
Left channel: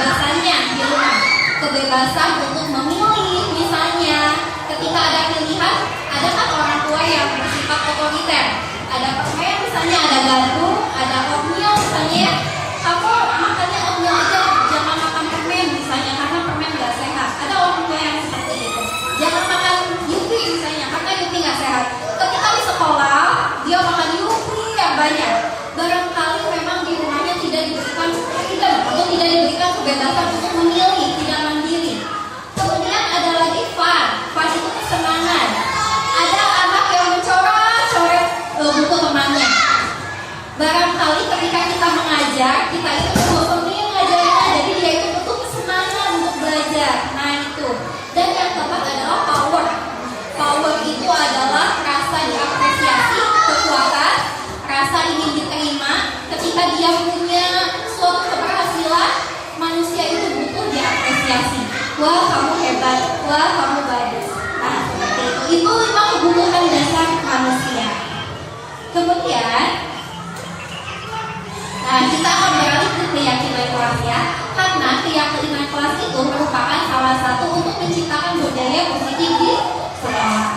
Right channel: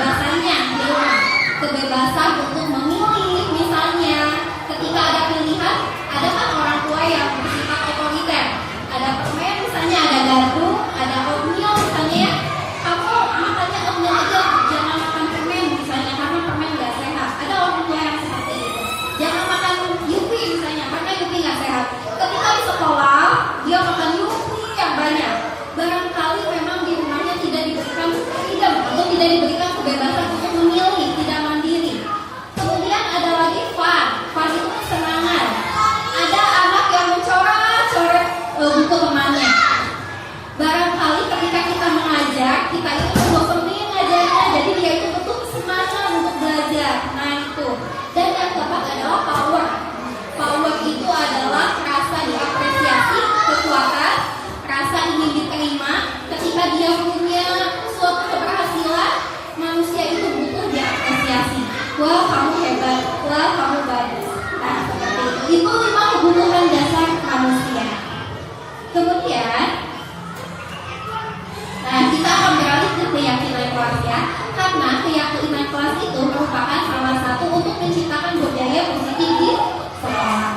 kebebasan untuk memilih, tidak mandiri. Kemudian ada lagi fun. Fun itu kesenangan. Ada anak yang mencoret-coret buku temannya. Barangkali ketika kita mengajar, kita itu bosan ngajarnya, jadi dia itu butuh kesenangan untuk belajar. Nah itu. Dan yang keempat adalah power. Power itu adalah rasa diapresiasi, kekuatan, rasa ingin diterima. Ketika dia punya suatu keberhasilan, manusia itu butuh diapresiasi. Wah, kamu hebat. Wah, kamu bagus. Nah, seperti itu. Itu 5 kebutuhan dasar manusia. Kemudian, nah kita akan beralih ke keyakinan kelas ya. Karena keyakinan kelas itu merupakan salah satu untuk menciptakan budaya positif di sekolah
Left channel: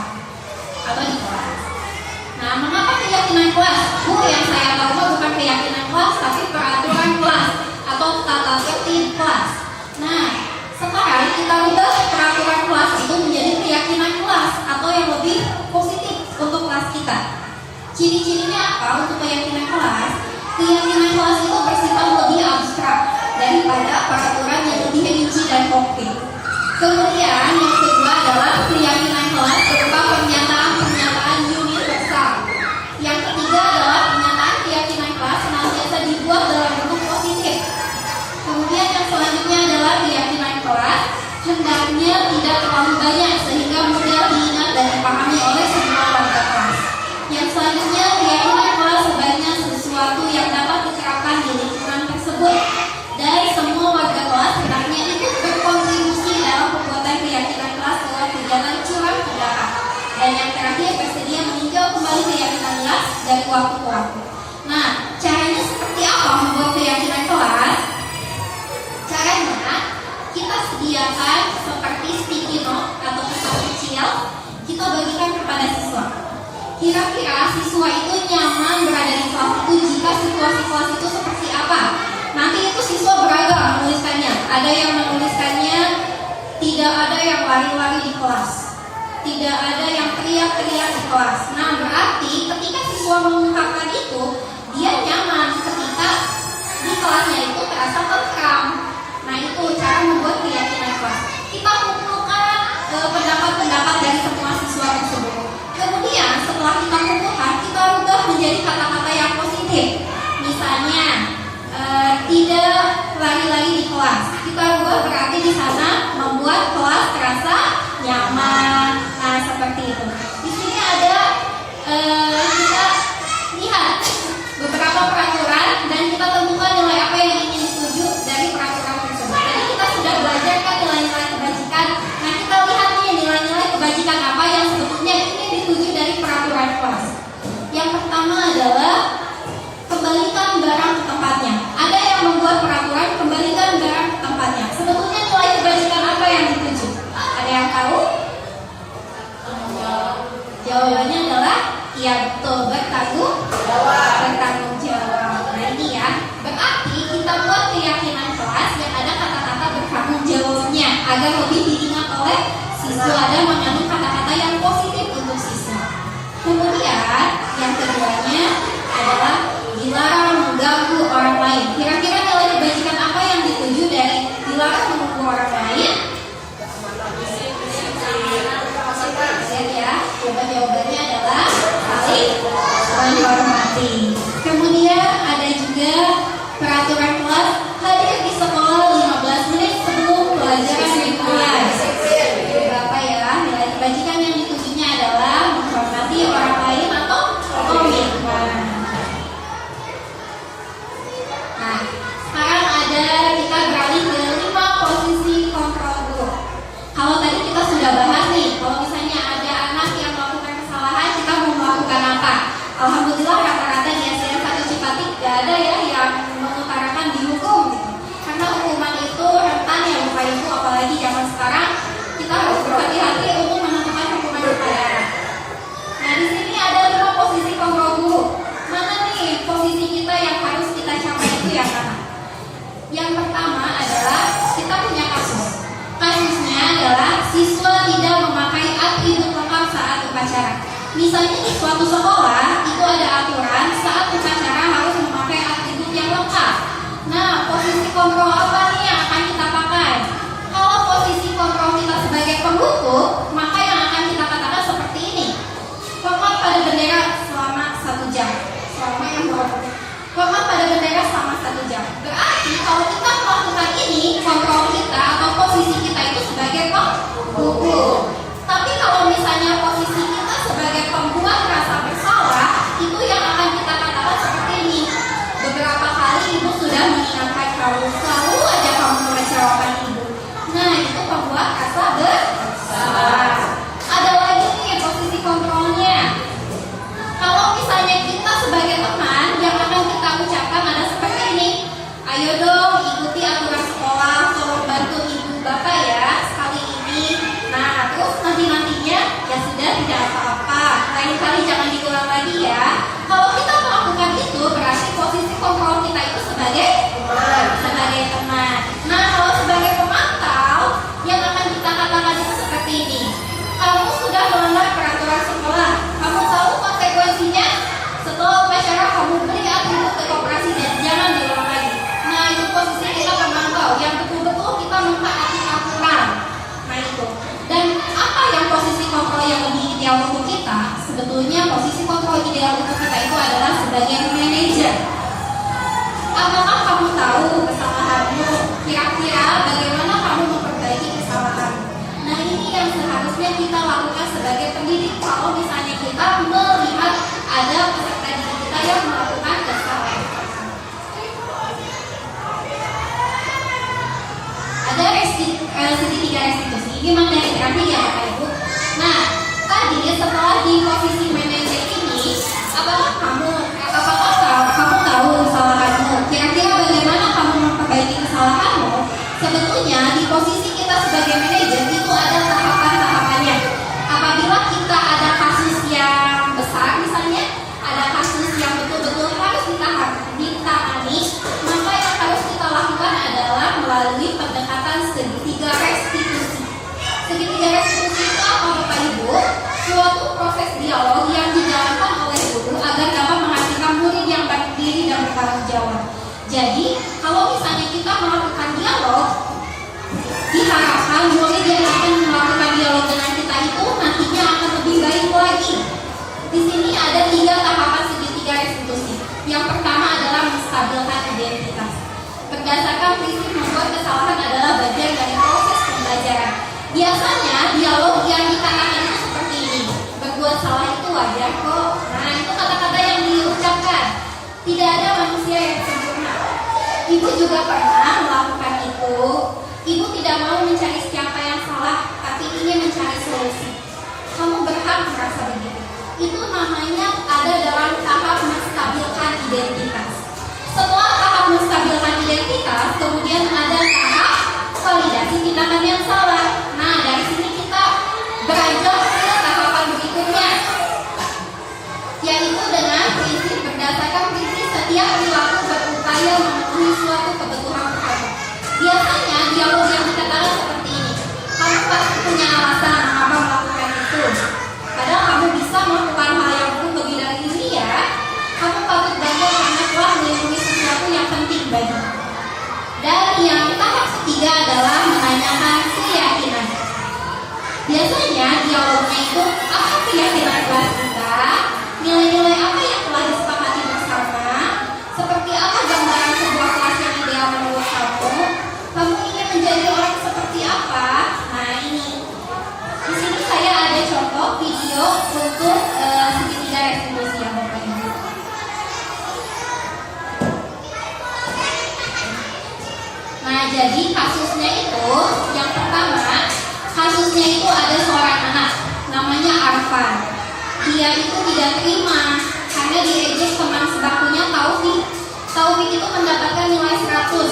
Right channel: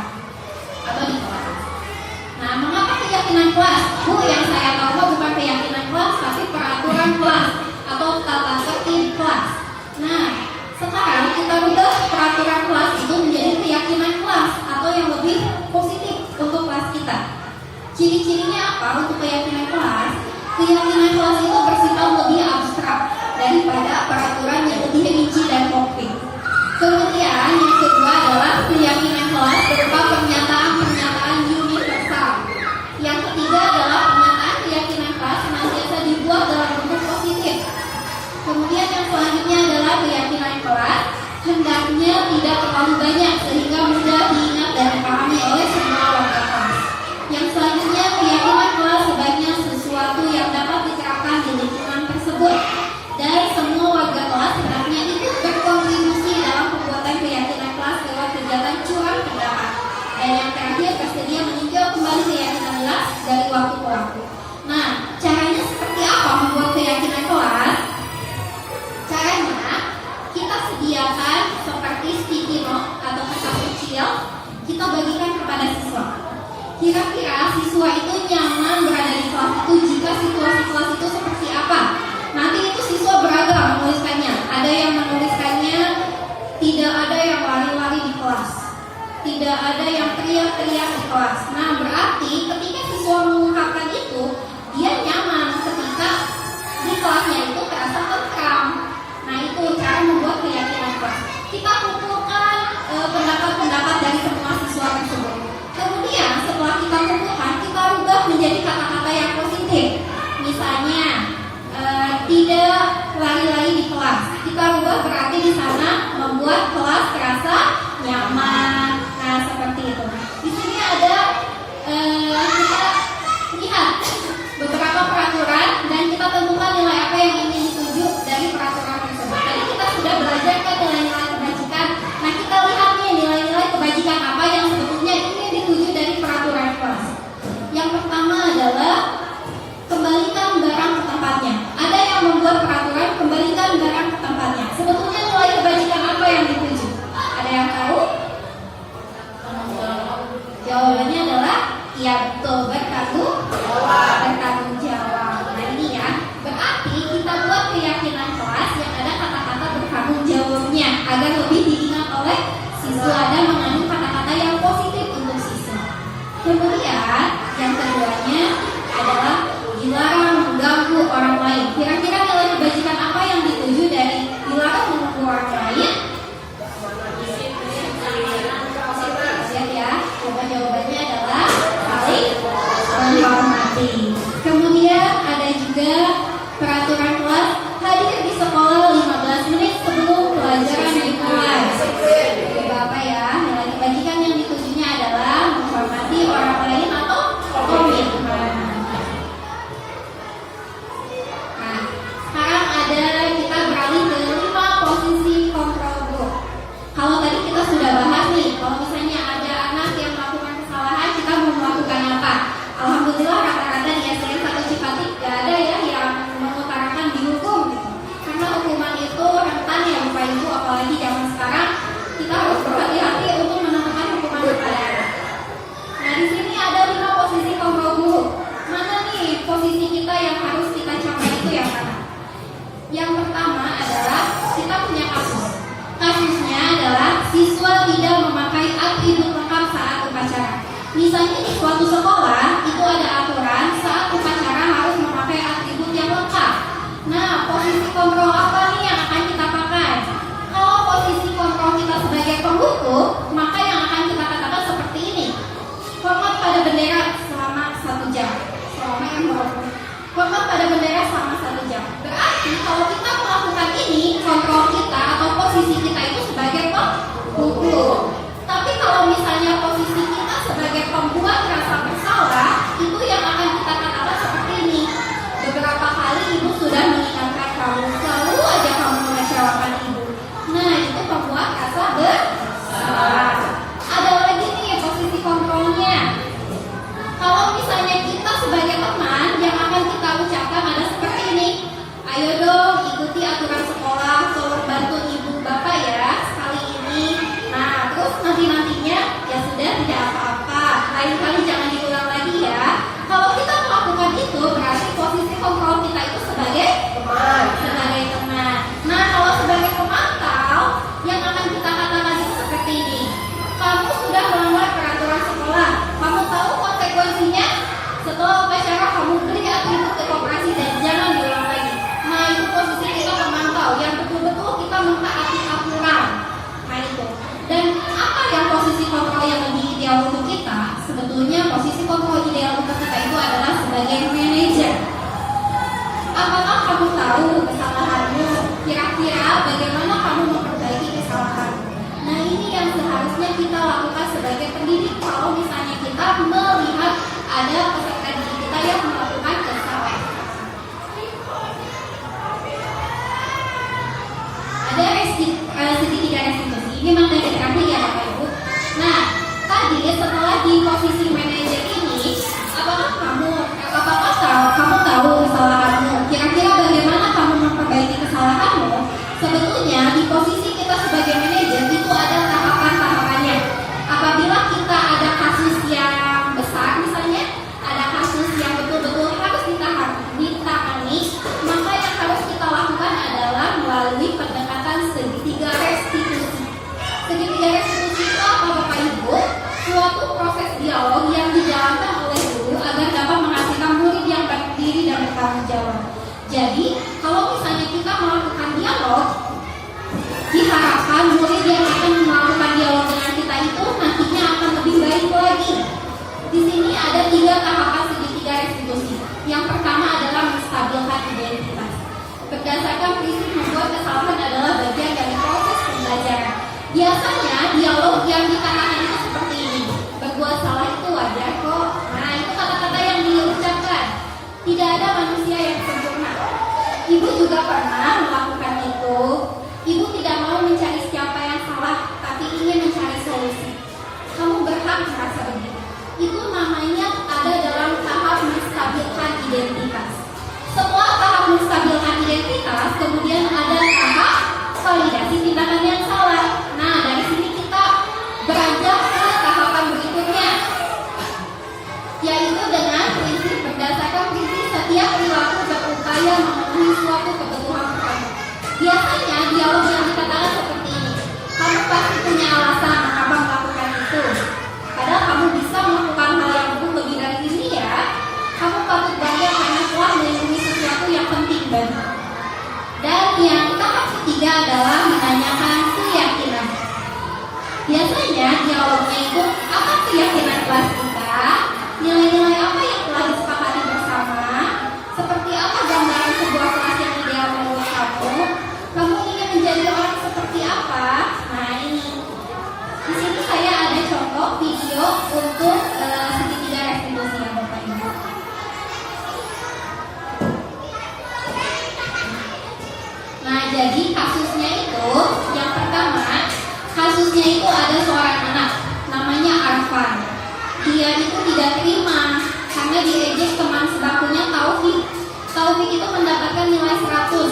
atau di kelas. Nah, mengapa keyakinan kelas? Yang saya tahu bukan keyakinan kelas, tapi peraturan kelas atau tata tertib kelas. Nah, sekarang kita ubah peraturan kelas itu menjadi keyakinan kelas atau yang lebih positif untuk kelas kita. Ciri-cirinya apa untuk keyakinan kelas? Keyakinan kelas itu bersifat lebih abstrak daripada peraturan yang lebih rinci dan konkret. Kemudian yang kedua adalah keyakinan kelas berupa pernyataan-pernyataan universal. Yang ketiga adalah pernyataan keyakinan kelas senantiasa dibuat dalam bentuk positif. Kemudian yang selanjutnya adalah keyakinan kelas hendaknya tidak terlalu banyak sehingga mudah diingat dan dipahami oleh semua warga kelas. Yang selanjutnya keyakinan kelas sebaiknya sesuatu yang dapat diterapkan di lingkungan tersebut dan semua warga kelas hendaknya ikut berkontribusi dalam pembuatan keyakinan kelas lewat kegiatan curang pendapat. Dan yang terakhir bersedia meninjau kembali keyakinan kelas dari waktu ke waktu. Nah, caranya seperti apa membuat keyakinan kelas? Caranya kita sediakan seperti sticky note atau kertas kecil, kita bagikan kepada siswa. Kira-kira siswa itu nyaman berada di kelas itu jika situasi kelas itu seperti apa? Nanti itu siswa beragam menuliskannya. Ada yang menuliskannya tidak ada yang lari-lari di kelas, tidak ada yang teriak-teriak di kelas. Nah, berarti ketika siswa mengungkapkan itu, dia nyaman ketika di kelasnya itu terasa tentram. Nah, itu cara membuat keyakinan kelas. Kita kumpulkan pendapat-pendapat dari semua siswa tersebut. Kemudian setelah kita kumpulkan, kita rubah menjadi kata-kata yang positif. Misalnya, tidak lari-lari di kelas. Kita rubah berarti di sana membuat kelas terasa nyaman. Nah, seperti itu. Di sini ada kita lihat beberapa peraturan dan kita tentukan nilai apa yang ingin dituju dari peraturan tersebut. Tadi kita sudah belajar kan nilai-nilai kebajikan. Nah, kita lihat nih nilai-nilai kebajikan apa yang sebetulnya ingin dituju dari peraturan kelas. Yang pertama adalah kembalikan barang ke tempatnya. Ada yang membuat peraturan kembalikan barang ke tempatnya. Sebetulnya nilai kebajikan apa yang dituju? Ada yang tahu? Jawabannya adalah iya betul, bertanggung jawab. Nah ini ya, berarti kita buat keyakinan kelas yang ada kata-kata bertanggung jawabnya agar lebih diingat oleh siswa dan mengandung kata-kata yang positif untuk siswa. Kemudian yang keduanya adalah dilarang mengganggu orang lain. Kira-kira nilai kebajikan apa yang dituju dari dilarang mengganggu orang lain? Lihat ya, jawabannya adalah saling menghormati. Kemudian ada juga peraturan kelas hadir di sekolah 15 menit sebelum pelajaran dimulai. Bapak ya, nilai kebajikan yang ditujunya adalah menghormati orang lain atau komitmen. Nah, sekarang kita beralih ke 5 posisi kontrol group. Kalau tadi kita sudah bahas nih, kalau misalnya ada anak yang melakukan kesalahan, kita mau melakukan apa? Alhamdulillah rata-rata di SDN 1 Cipati gak ada ya yang mengutarakan dihukum gitu. Karena hukuman itu rentan ya Bapak Ibu, apalagi zaman sekarang kita harus berhati-hati untuk menentukan hukuman kepada anak. Nah, di sini ada 5 posisi kontrol guru. Mana nih posisi kita yang harus kita capai itu yang mana? Yang pertama adalah kita punya kasus. Kasusnya adalah siswa tidak memakai atribut lengkap saat upacara. Misalnya di suatu sekolah itu ada aturan saat upacara harus memakai atribut yang lengkap. Nah, posisi kontrol apa nih yang akan selalu aja kamu mengecewakan ibu. Nah, itu membuat rasa bersalah. Ada lagi nih posisi kontrolnya. Kalau misalnya kita sebagai teman yang akan kita ucapkan ada seperti ini. Ayo dong ikuti aturan sekolah, tolong bantu ibu bapak ya sekali ini. Nah, terus nantinya ya sudah tidak apa-apa. Lain kali jangan diulang lagi ya. Kalau kita melakukan itu berarti posisi kontrol kita itu sebagai teman. Nah, kalau sebagai pemantau yang akan kita katakan itu seperti ini. Kamu sudah melanggar peraturan sekolah. Kamu tahu konsekuensinya? Setelah upacara kamu beri atribut ke koperasi dan jangan diulang lagi. Nah, itu posisi kita pemantau yang betul-betul kita mentaati aturan. Nah, itu. Dan apa yang posisi kontrol yang lebih ideal untuk kita? Sebetulnya posisi kontrol ideal untuk kita itu adalah sebagai manajer. Apakah kamu tahu kesalahanmu? Kira-kira bagaimana kamu memperbaiki kesalahanmu? Nah, ini yang seharusnya kita lakukan sebagai pendidik kalau misalnya kita melihat ada peserta didik kita yang melakukan kesalahan. Ada tiga restitusi. Ini materi terakhir ya Bapak Ibu. Nah, tadi setelah di posisi manajer ini, apakah kamu tahu kesalahanmu? Kira-kira bagaimana kamu memperbaiki kesalahanmu? Sebetulnya di posisi kita sebagai manajer itu ada tahapan-tahapannya. Apabila kita ada kasus yang besar, misalnya ada kasus yang betul-betul harus ditangani, maka yang harus kita lakukan adalah melalui pendekatan segitiga restitusi. Segitiga restitusi itu apa Bapak Ibu? Suatu proses dialog yang dijalankan oleh guru agar dapat menghasilkan murid yang berdiri dan bertanggung jawab. Jadi, kalau misalnya kita melakukan dialog, diharapkan murid yang akan melakukan dialog dengan kita itu nantinya akan lebih baik lagi. Di sini ada 3 tahapan segitiga restitusi. Yang pertama adalah menstabilkan identitas. Berdasarkan prinsip membuat kesalahan adalah bagian dari proses pembelajaran. Biasanya dialog yang dikatakan itu seperti ini. Berbuat salah itu wajar kok. Nah, itu kata-kata yang diucapkan. Tidak ada manusia yang sempurna. Ibu juga pernah melakukan itu. Ibu tidak mau mencari siapa yang salah, tapi ingin mencari solusi. Kamu berhak merasa begitu. Itu namanya ada dalam tahap menstabilkan identitas. Setelah tahap menstabilkan identitas, kemudian ada tahap validasi tindakan yang salah. Nah, dari sini kita beranjak ke tahapan berikutnya, yaitu dengan prinsip berdasarkan prinsip setiap perilaku berupaya memenuhi suatu kebutuhan kamu. Biasanya dialog yang dikatakan seperti ini. Kamu pasti punya alasan mengapa melakukan itu. Padahal kamu bisa melakukan hal yang lebih dari ini ya. Kamu patut bangga karena telah melindungi sesuatu yang penting bagi. Dan yang tahap ketiga adalah menanyakan keyakinan. Biasanya dialognya itu apa keyakinan kelas kita, nilai-nilai apa yang telah disepakati bersama, seperti apa gambaran sebuah kelas yang ideal menurut kamu ingin menjadi orang seperti apa? Nah ini, di sini saya ada contoh video untuk segitiga restitusi ya Bapak Ibu. Nah, jadi kasusnya itu, yang pertama, kasusnya itu ada seorang anak, namanya Arfan. Dia itu tidak terima karena diejek teman sebakunya Taufik. Taufik itu mendapatkan nilai 100,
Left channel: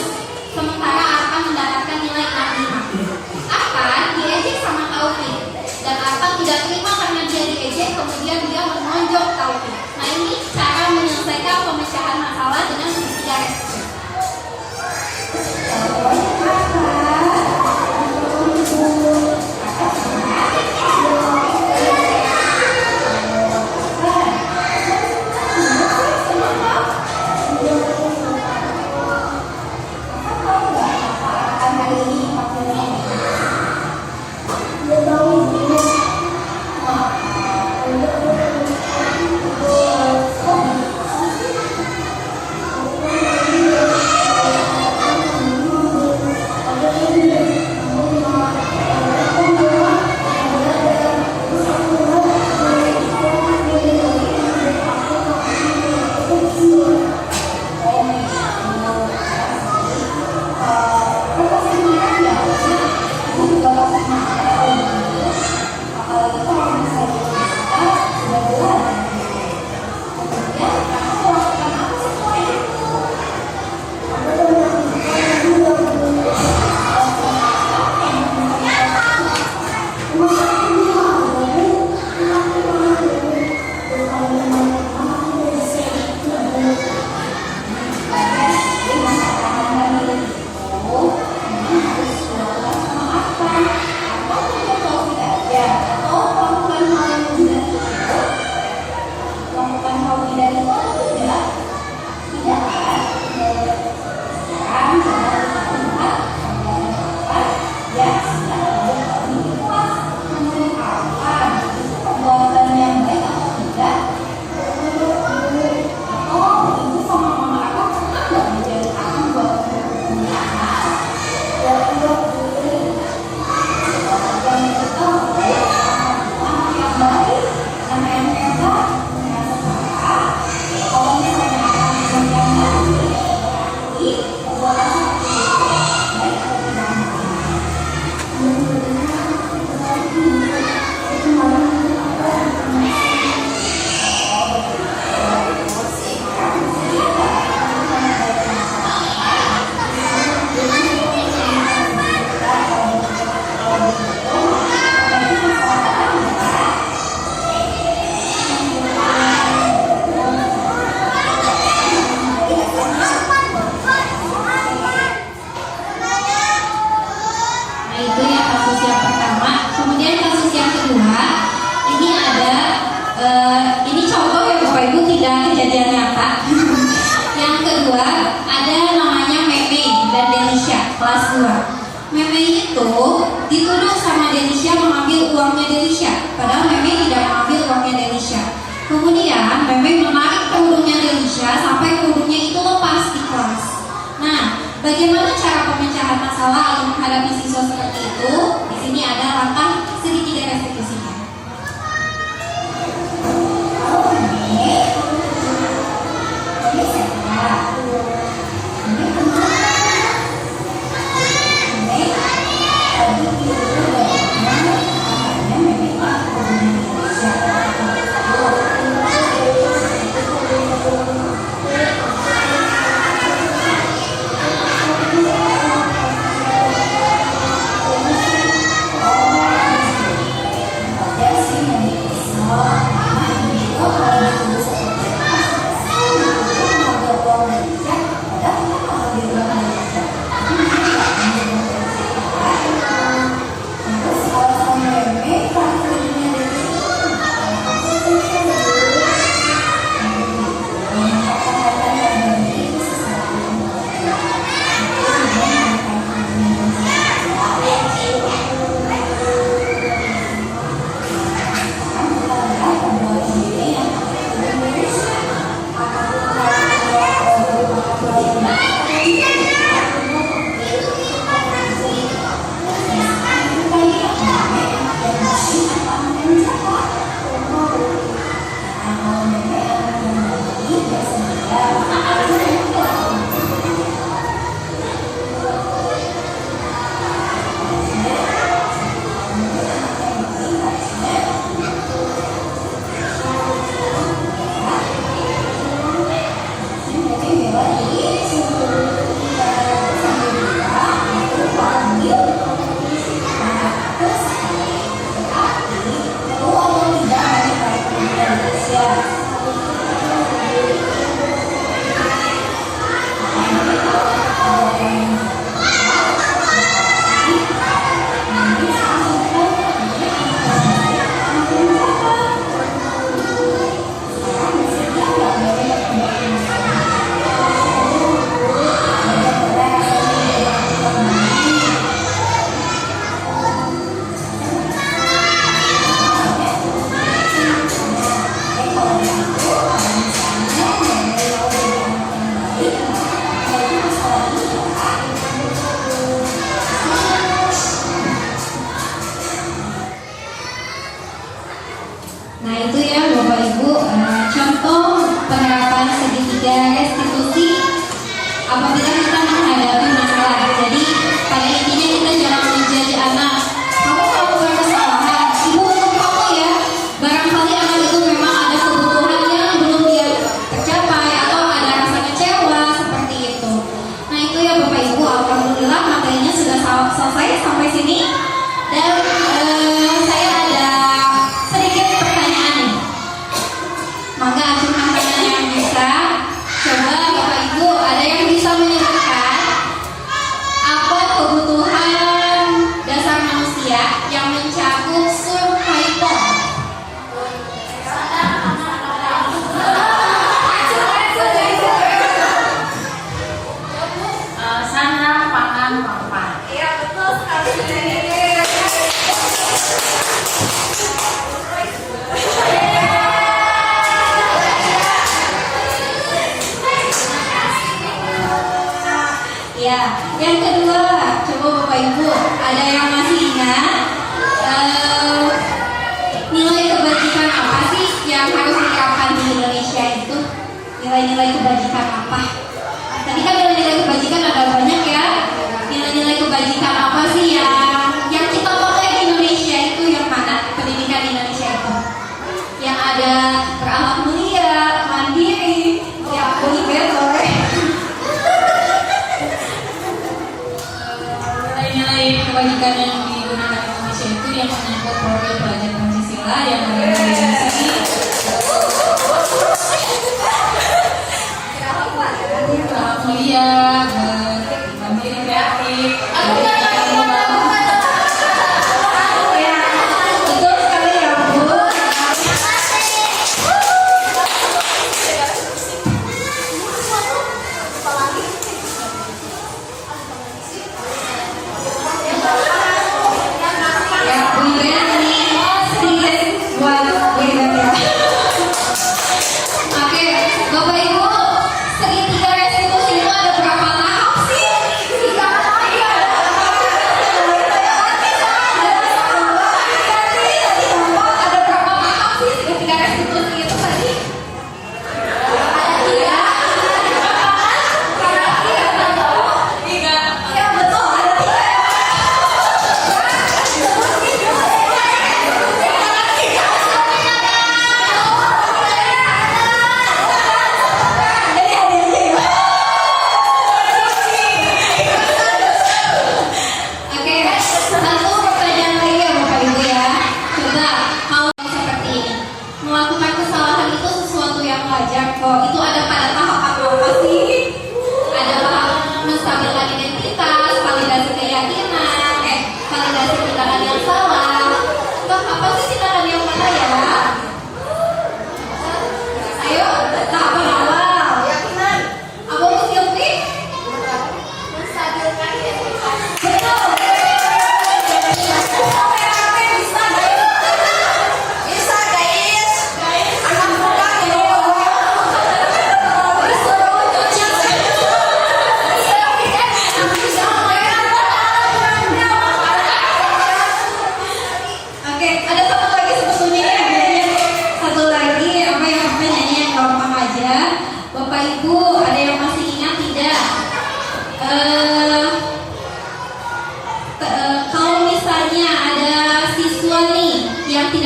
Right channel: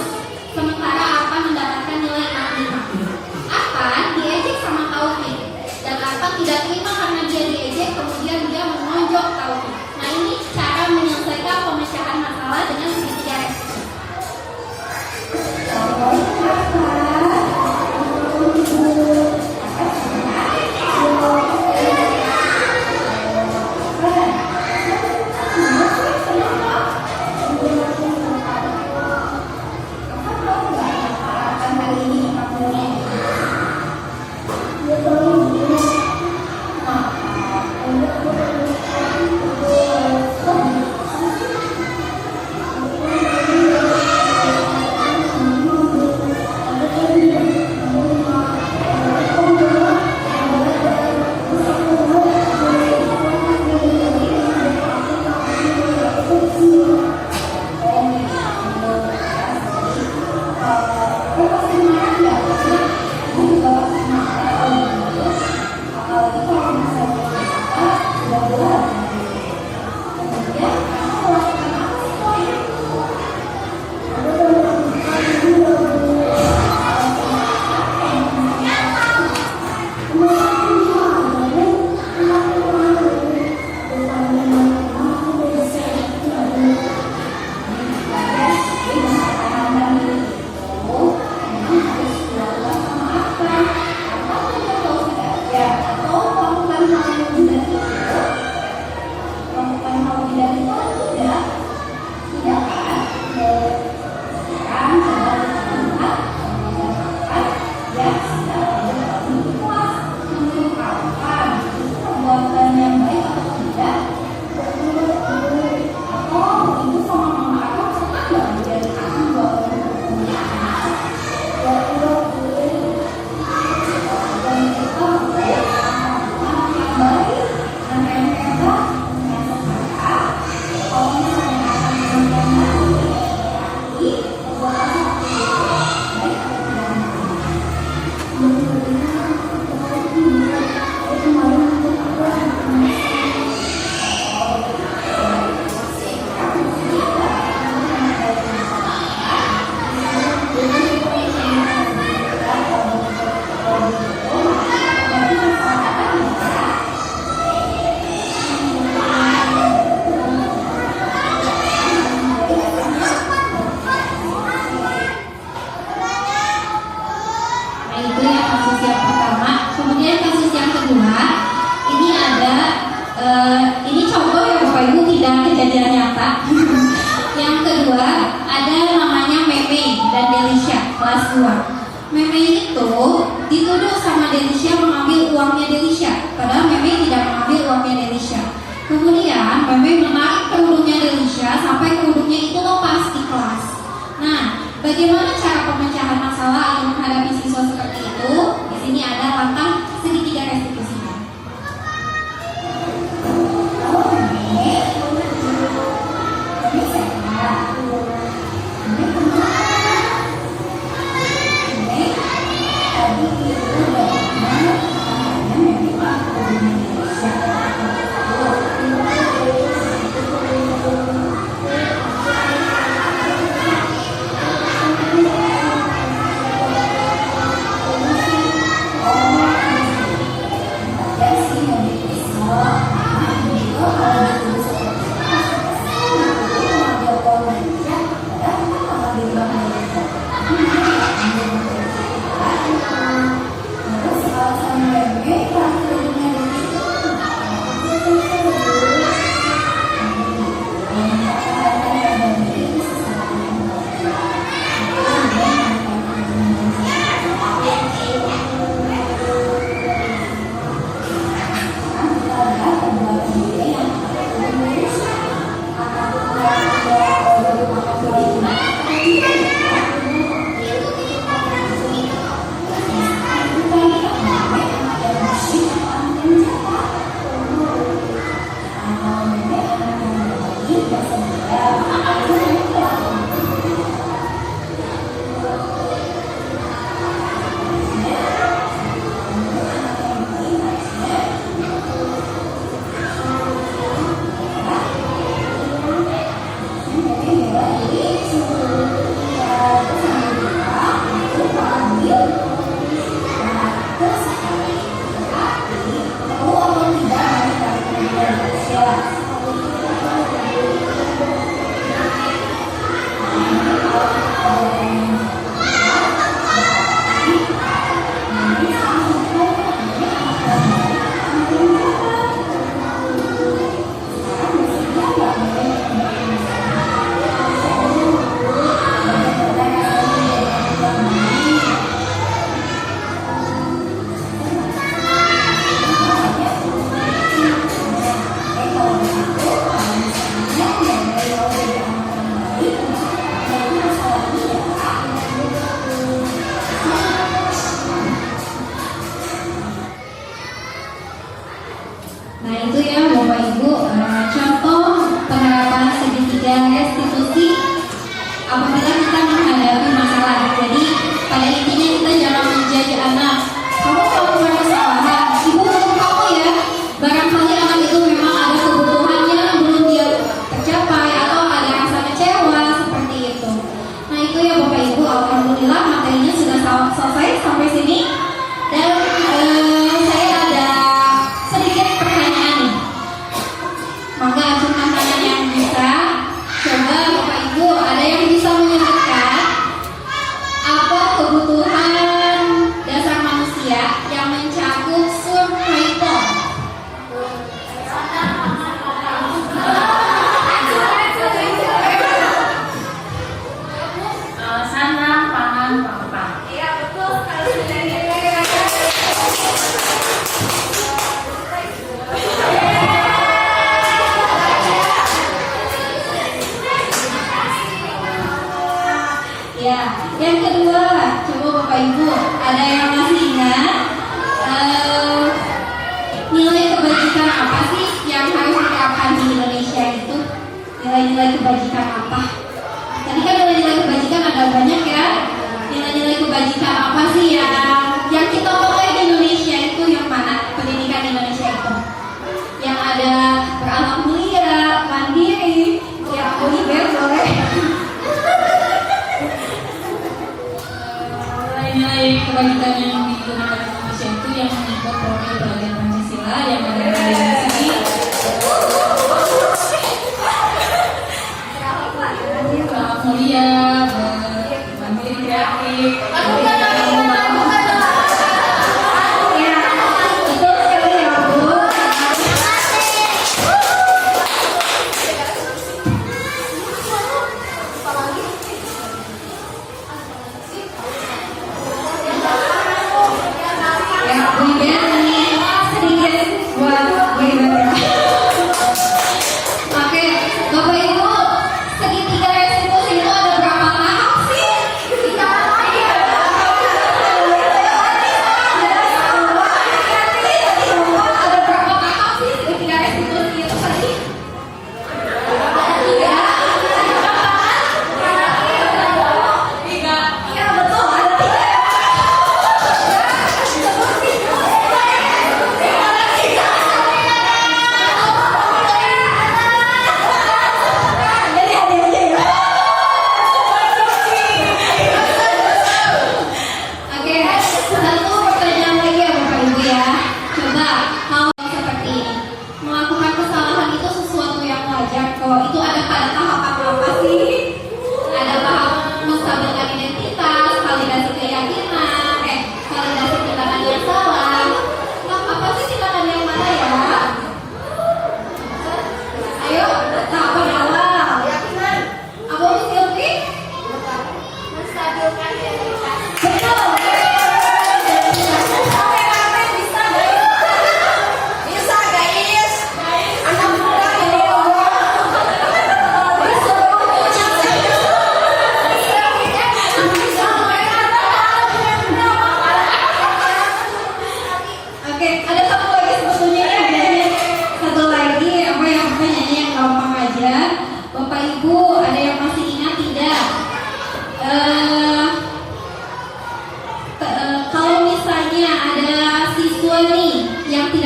sementara Arfan mendapatkan nilai 65. Arfan diejek sama Taufik, dan Arfan tidak terima karena dia diejek, kemudian dia menonjok Taufik. Nah, ini cara menyelesaikan pemecahan masalah dengan segitiga restitusi. itu yang kasus yang pertama. Kemudian kasus yang kedua, ini ada ini contoh ya Bapak Ibu, tidak kejadian nyata. Yang kedua ada namanya Meme dan Delisha kelas 2. Meme itu dituduh sama Delisha mengambil uangnya Delisha, padahal Meme tidak mengambil uangnya Delisha. Kemudian Meme menarik kerudungnya Delisha sampai kerudungnya itu lepas di kelas. Nah, bagaimana cara pemecahan masalah atau menghadapi siswa seperti itu? Di sini ada langkah sedikit restitusinya. Nah itu ya Bapak Ibu, contoh penerapan segitiga restitusi apabila kita menghadapi masalah. Jadi pada intinya kita jangan menjudge anak, kamu melakukan kesalahan, ibu hukum kamu ya. Barangkali anak itu memang ada kebutuhannya belum dia tercapai atau ada rasa kecewa seperti itu. Nah itu ya Bapak Ibu, alhamdulillah materinya sudah selesai sampai sini. Dan saya ada sedikit pertanyaan nih. Maka ajukan pertanyaan yang bisa. Coba Bapak Ibu ada yang bisa menyebutkan apa kebutuhan dasar manusia yang mencakup survival? Sana, pangan, papan. Iya betul sekali. Ya, yang kedua, coba Bapak Ibu ada yang masih ingat nilai kebajikan apa sih yang harus diterapkan di Indonesia itu? Nilai-nilai kebajikan apa? Tadi kan nilai-nilai kebajikan ada banyak ya. Nilai-nilai kebajikan apa sih yang kita pakai di Indonesia itu, yang mana pendidikan di Indonesia itu? Yang ada berakhlak mulia, mandiri, yang boleh. Nilai kebajikan yang digunakan di Indonesia itu yang mengikut profil pelajar Pancasila yang ada di sini. Mulia, mandiri, kreatif,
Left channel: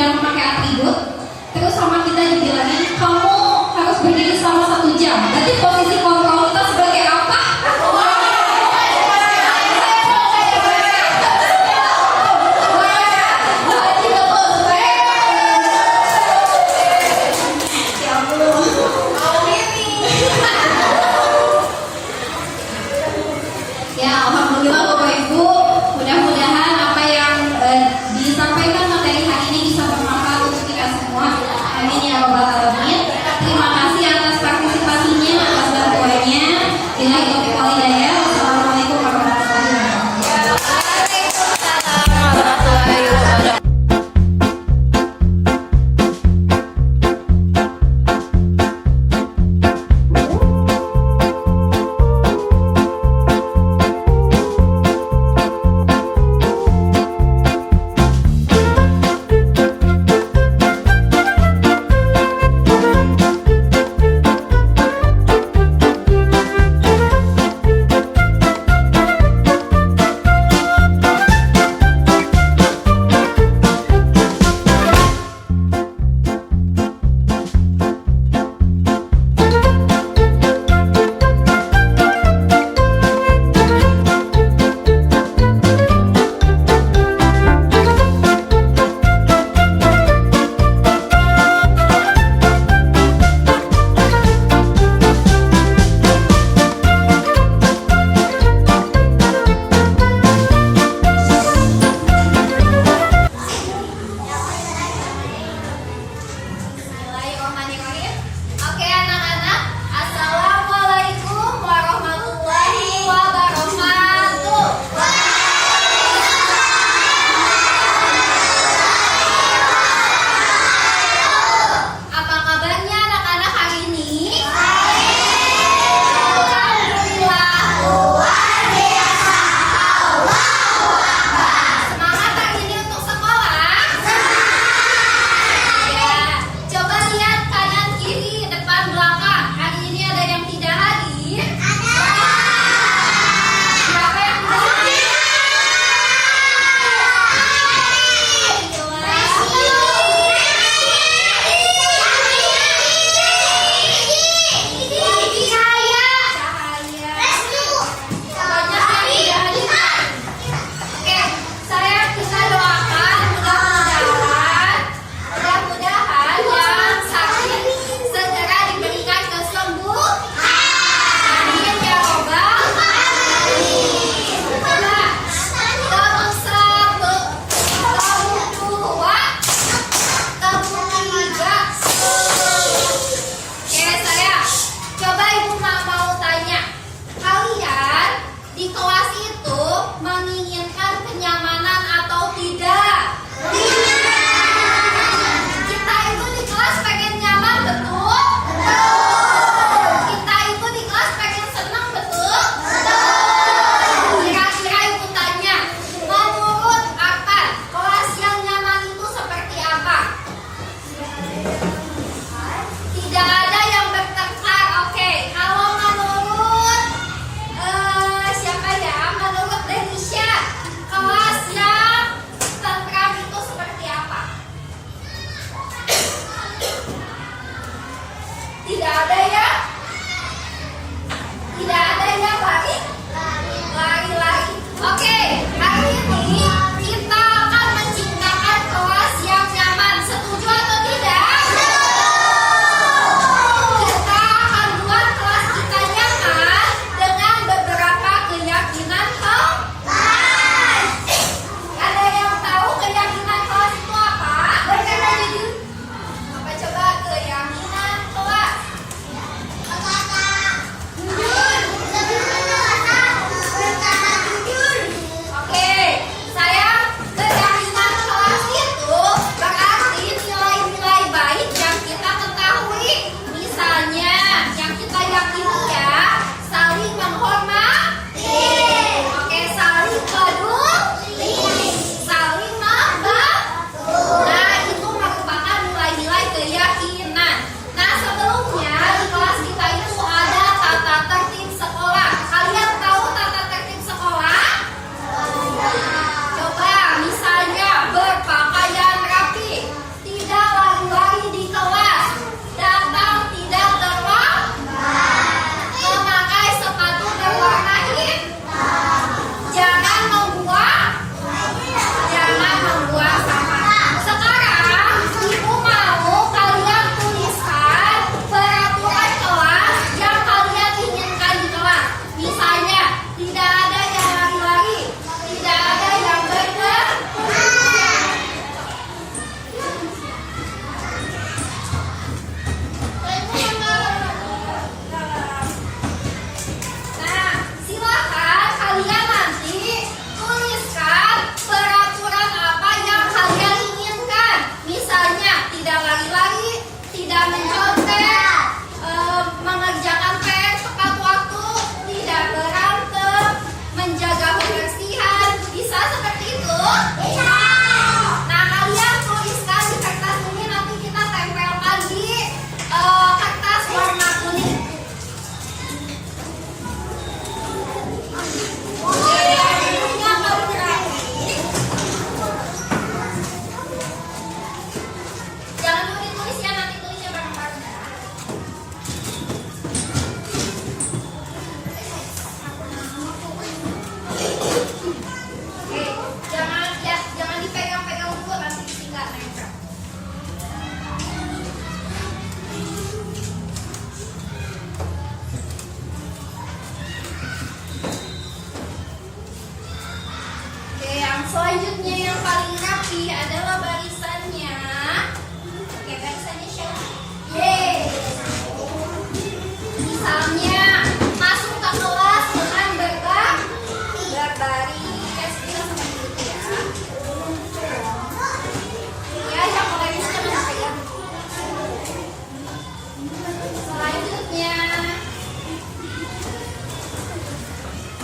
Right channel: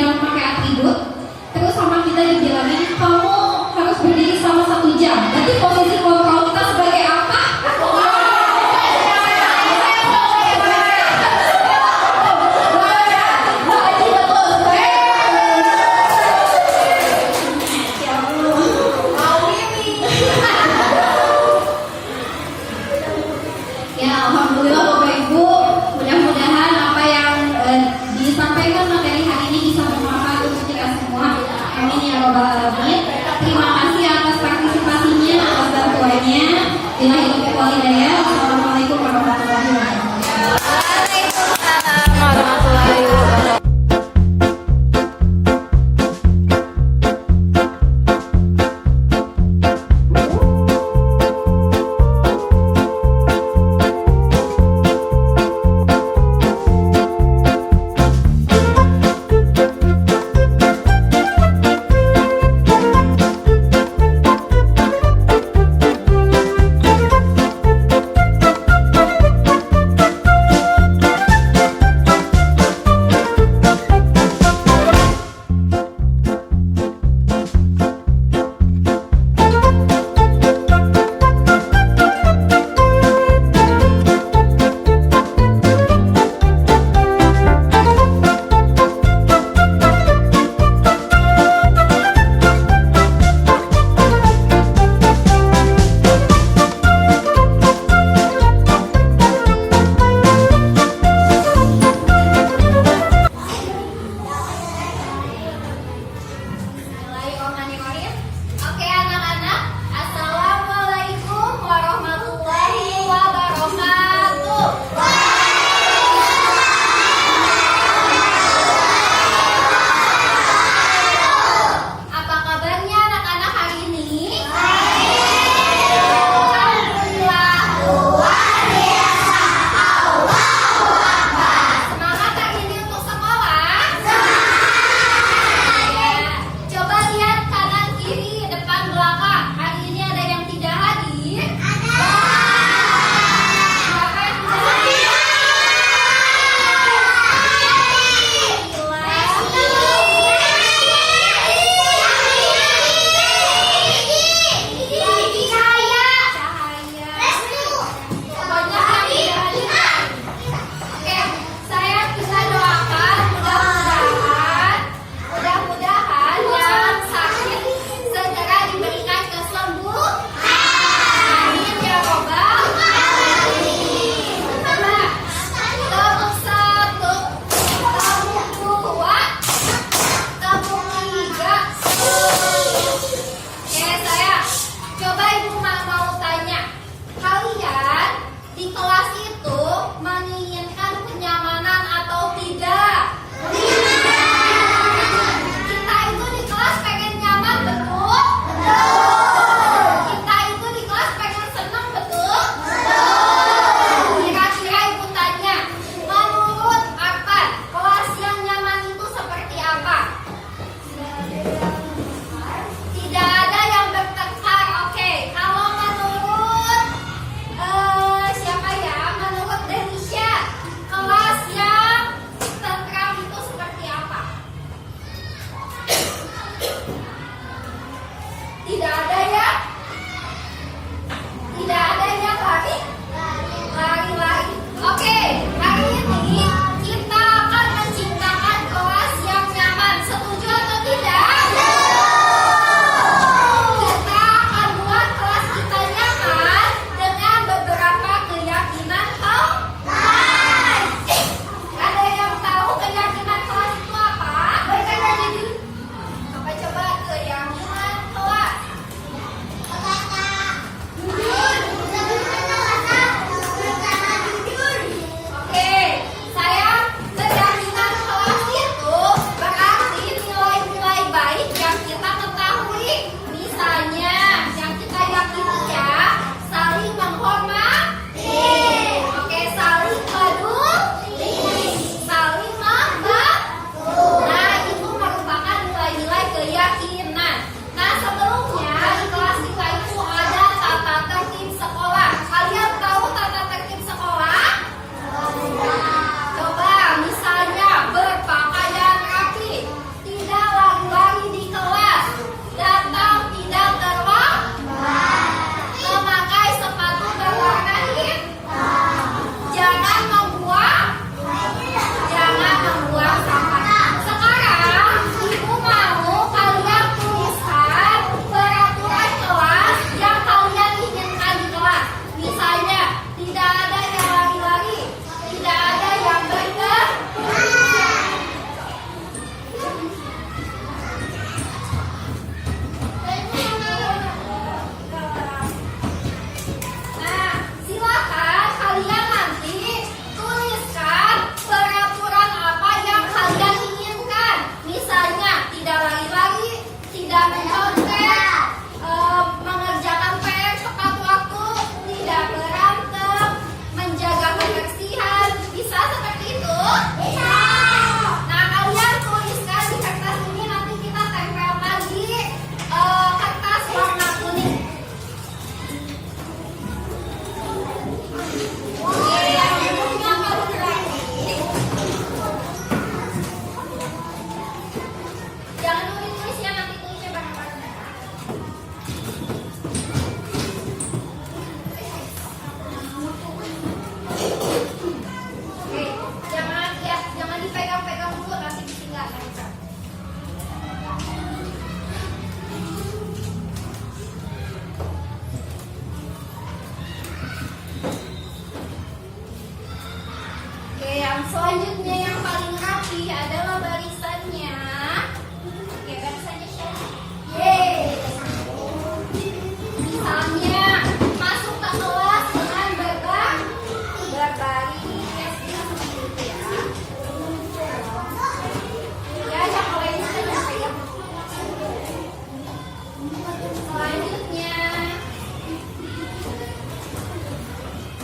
tidak memakai atribut, terus sama kita dibilangin kamu harus berdiri selama 1 jam. Berarti posisi kontrol kita sebagai apa? Ya, alhamdulillah Bapak Ibu, mudah-mudahan apa yang disampaikan materi hari ini bisa bermanfaat untuk kita semua. Amin ya rabbal alamin. Terima kasih atas partisipasinya, atas bantuannya. Yang selanjutnya yang paling rapi adalah barisannya. Oke, barisannya siapa? Yeay. Misalnya masuk ke kelas dengan berbaris. Ya, yang paling apa ya? Selanjutnya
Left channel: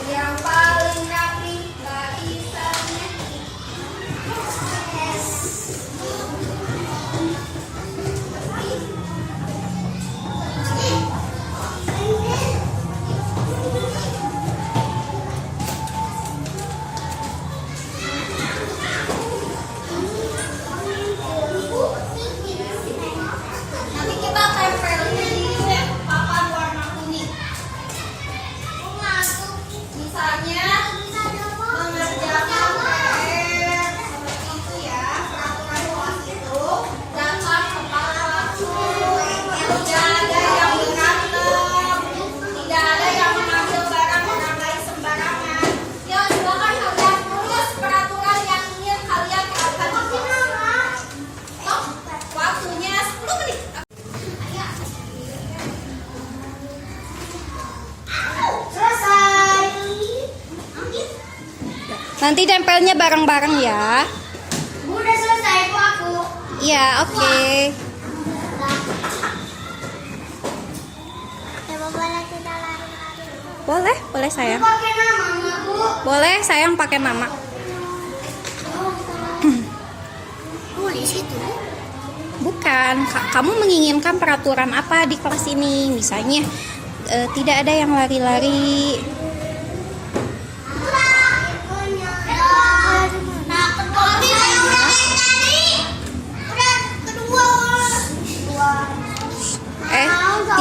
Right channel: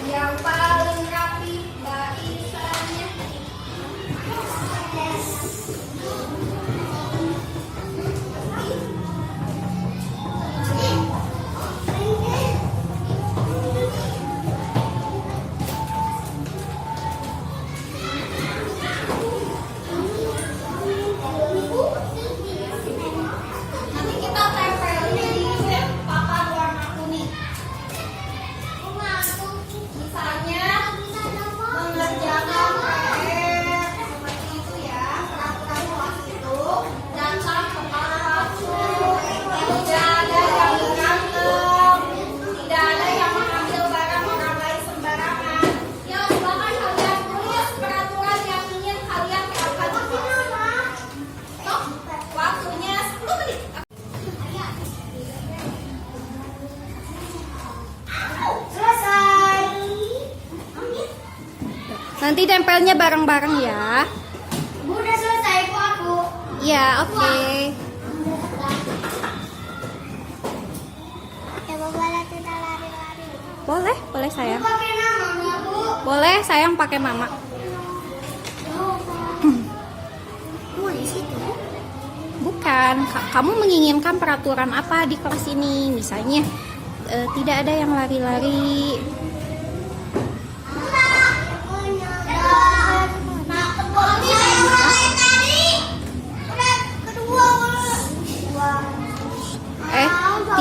yang paling rapi barisannya. Nanti kita tempelnya di papan warna kuning. Misalnya mengerjakan PR seperti itu ya, peraturan kelas itu datang tepat waktu, tidak ada yang berantem, tidak ada yang mengambil barang orang lain sembarangan. Ya, silakan kalian tulis peraturan yang ingin kalian terapkan. Stop, waktunya 10 menit. Selesai. Nanti tempelnya bareng-bareng ya. Udah selesai kok aku. Iya, oke. Boleh, boleh sayang. Pakai namanya, Bu. Boleh sayang pakai mama. Tulis itu. Bukan, kamu menginginkan peraturan apa di kelas ini? Misalnya tidak ada yang lari-lari.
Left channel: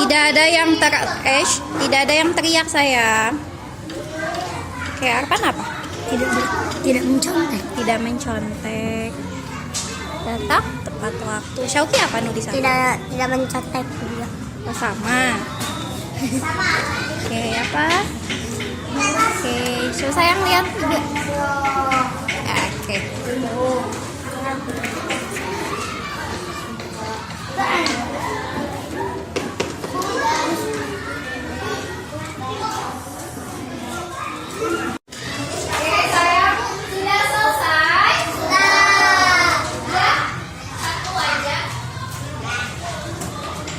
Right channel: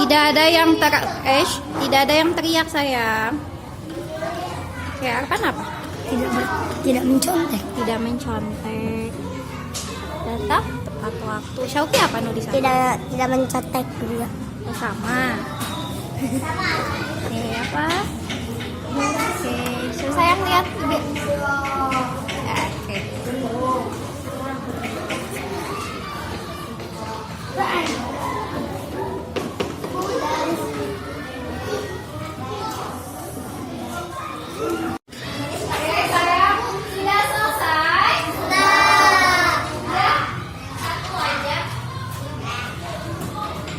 Tidak ada yang tidak ada yang teriak sayang. Kayak Arpan apa? Tidak mencontek. Tidak mencontek. Datang tepat waktu. Syauki apa nu di sana? Tidak mencontek juga. Oh, sama. Oke, apa? Oke, so sayang lihat juga. Oke. Sudah selesai? Sudah. Ya, satu aja.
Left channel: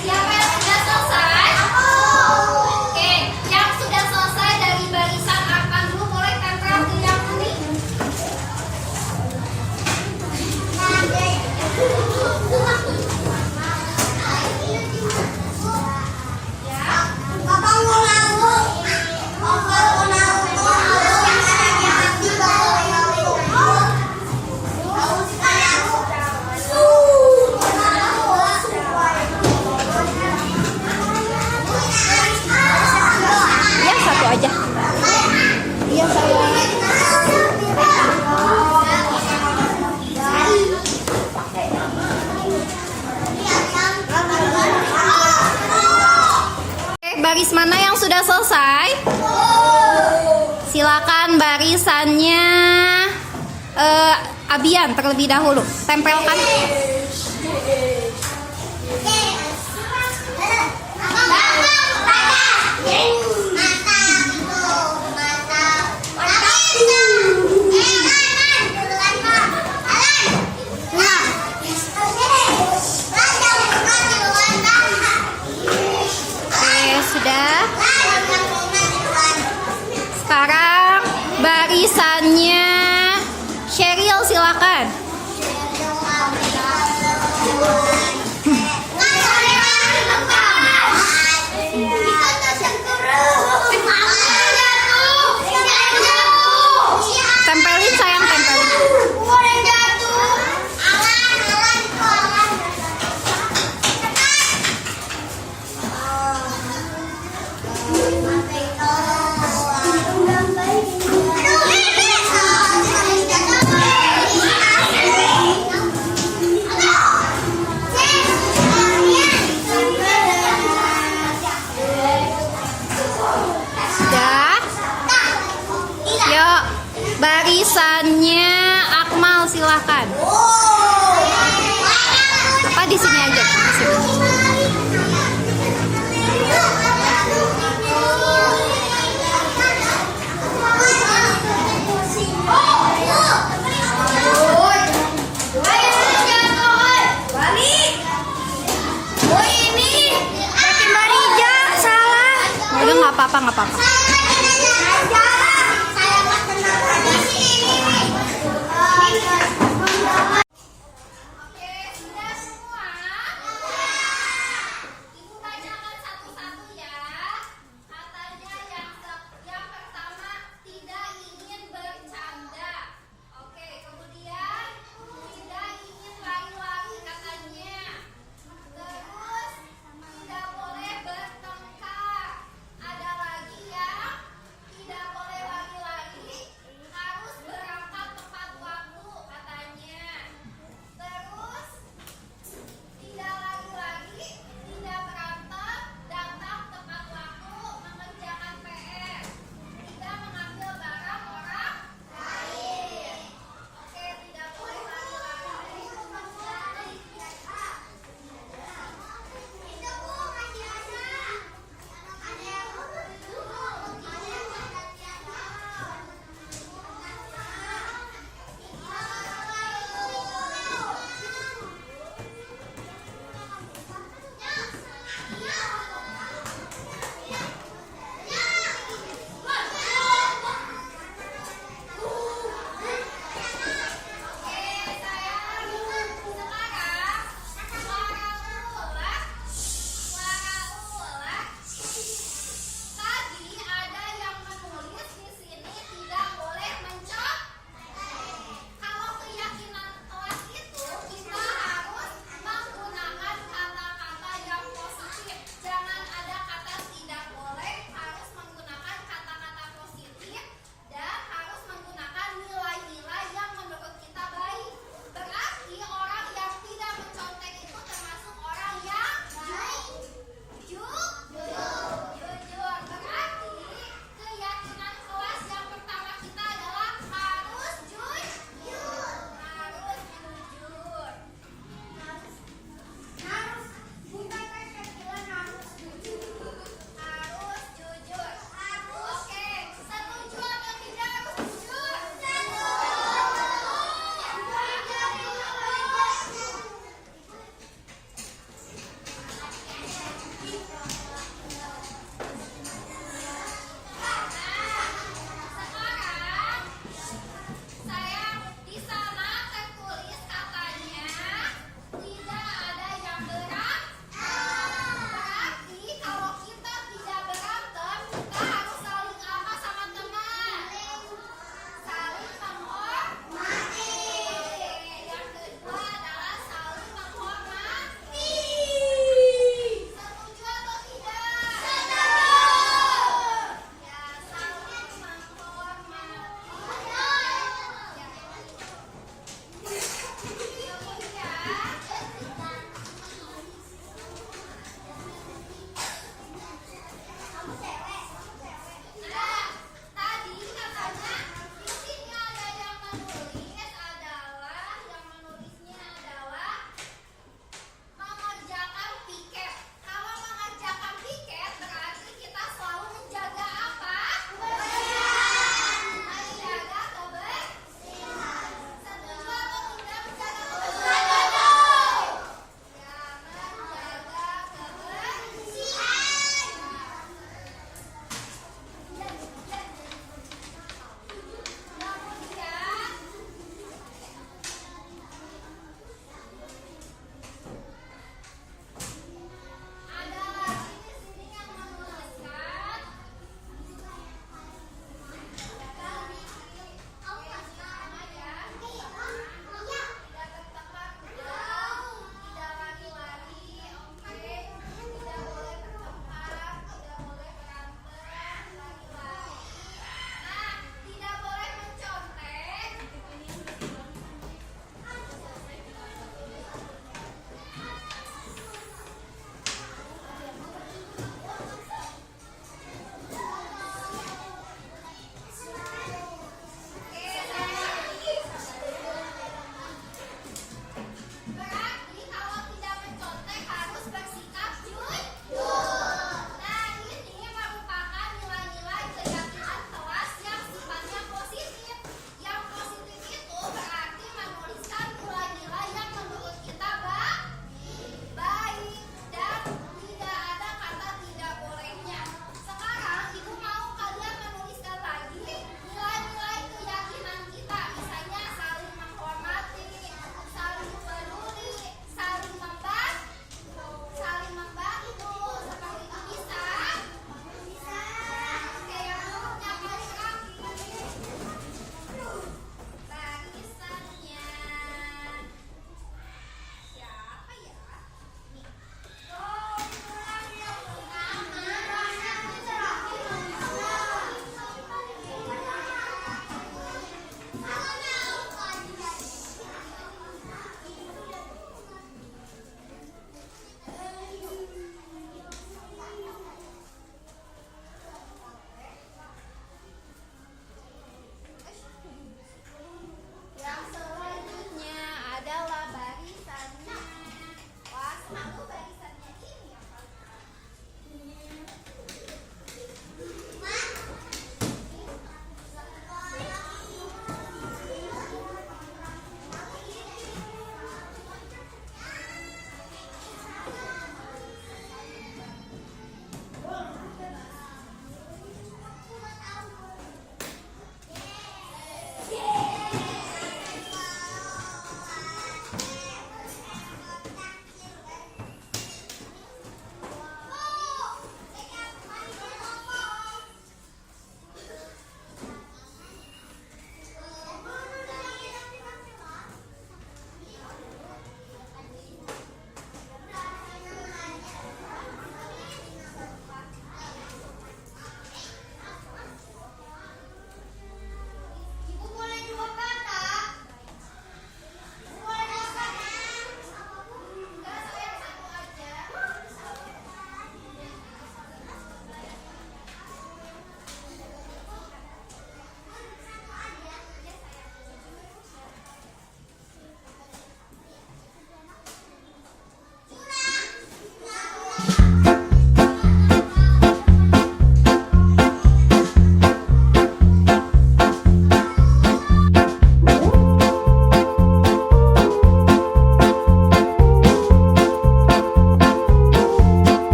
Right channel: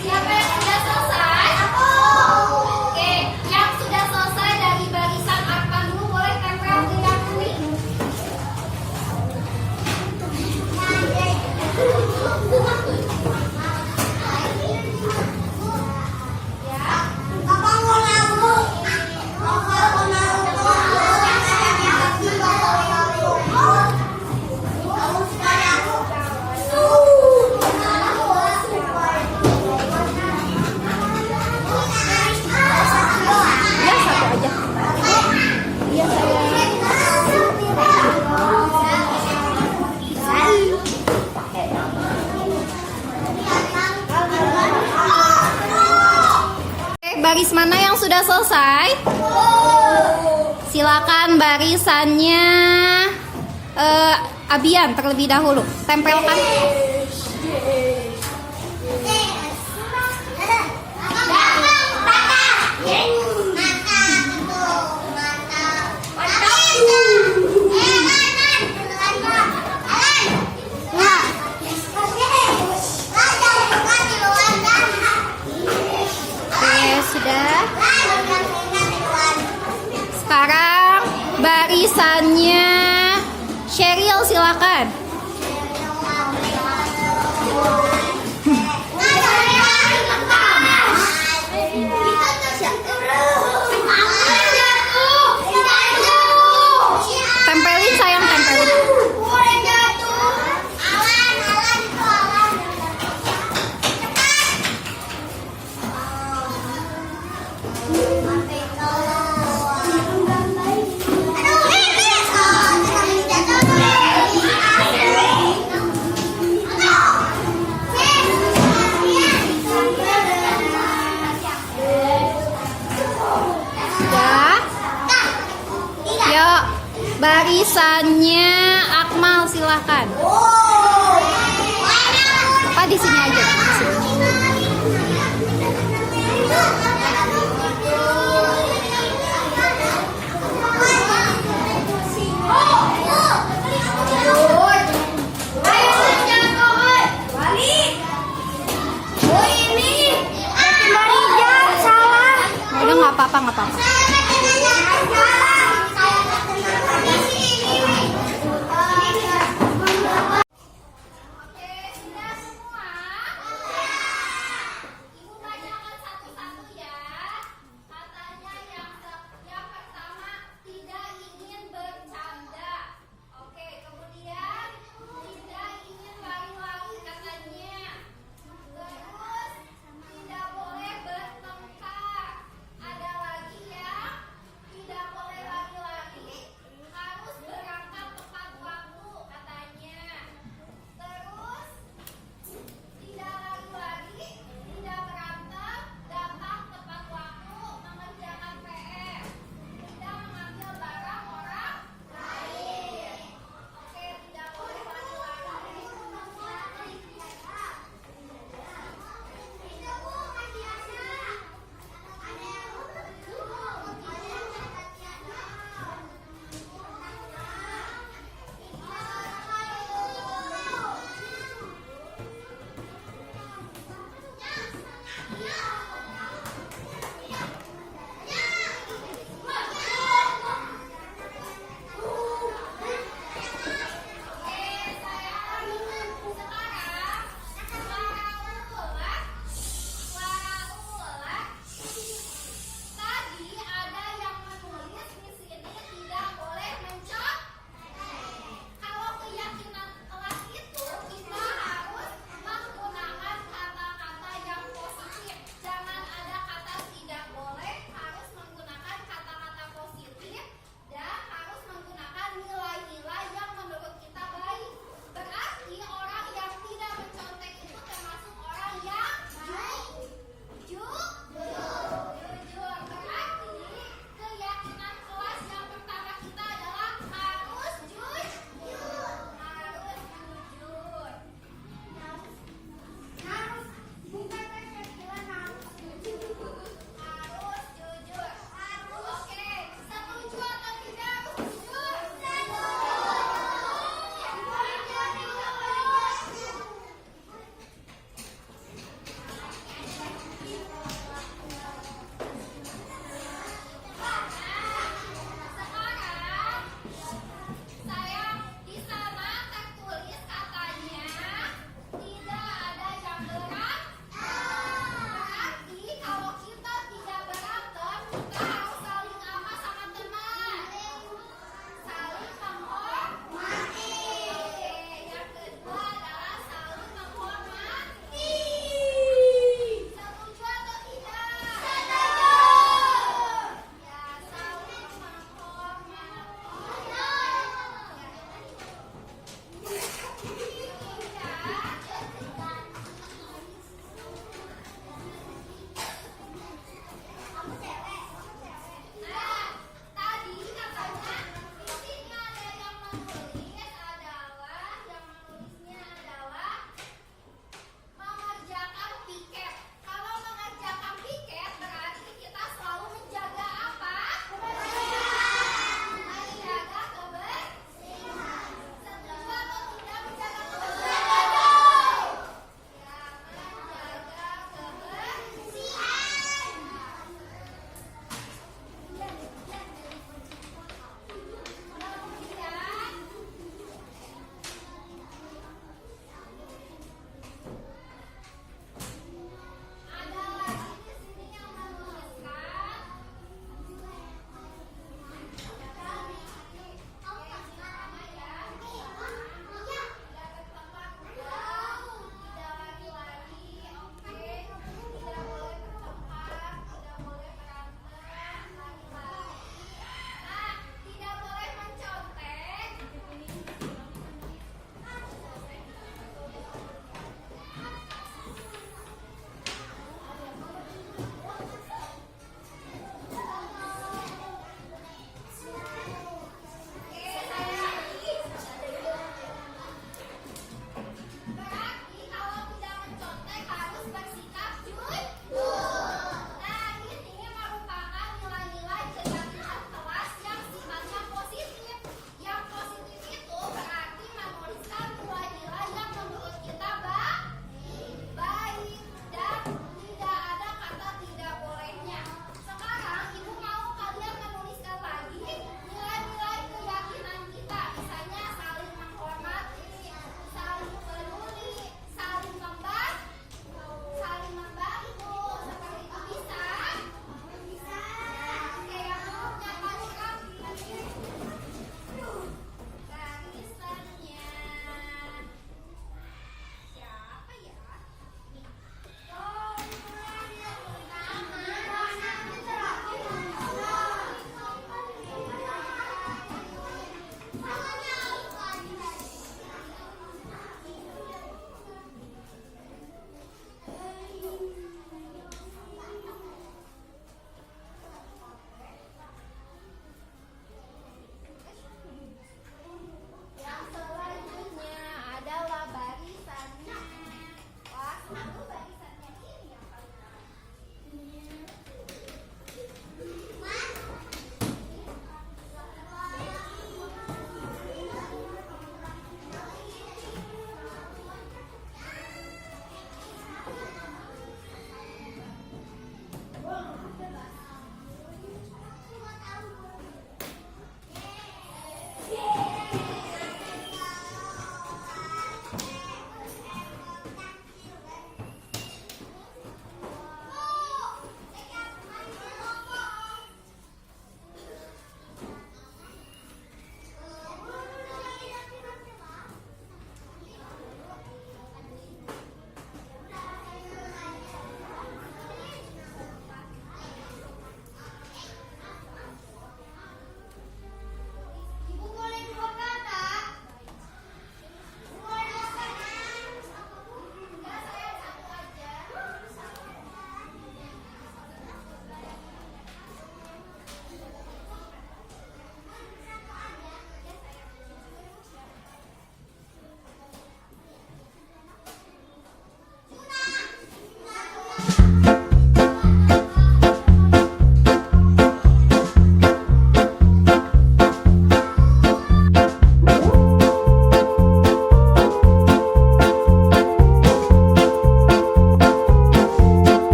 Siapa yang sudah selesai? Aku. Oke, yang sudah selesai dari barisan Arpan dulu boleh tempel di yang kuning. Iya, satu aja. Iya, sayang. Oke, baris mana yang sudah selesai? Silakan barisannya Abian terlebih dahulu. Tempelkan. Oke, sudah. Sekarang barisannya Sheryl, silakan. Tempelin sayang, tempelin. Alasannya Akmal silahkan. Apa di sini aja? Di sini. Udah nggak apa-apa, nggak apa-apa. Tidak boleh bertengkar. Ada lagi ya.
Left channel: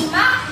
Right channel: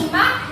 simak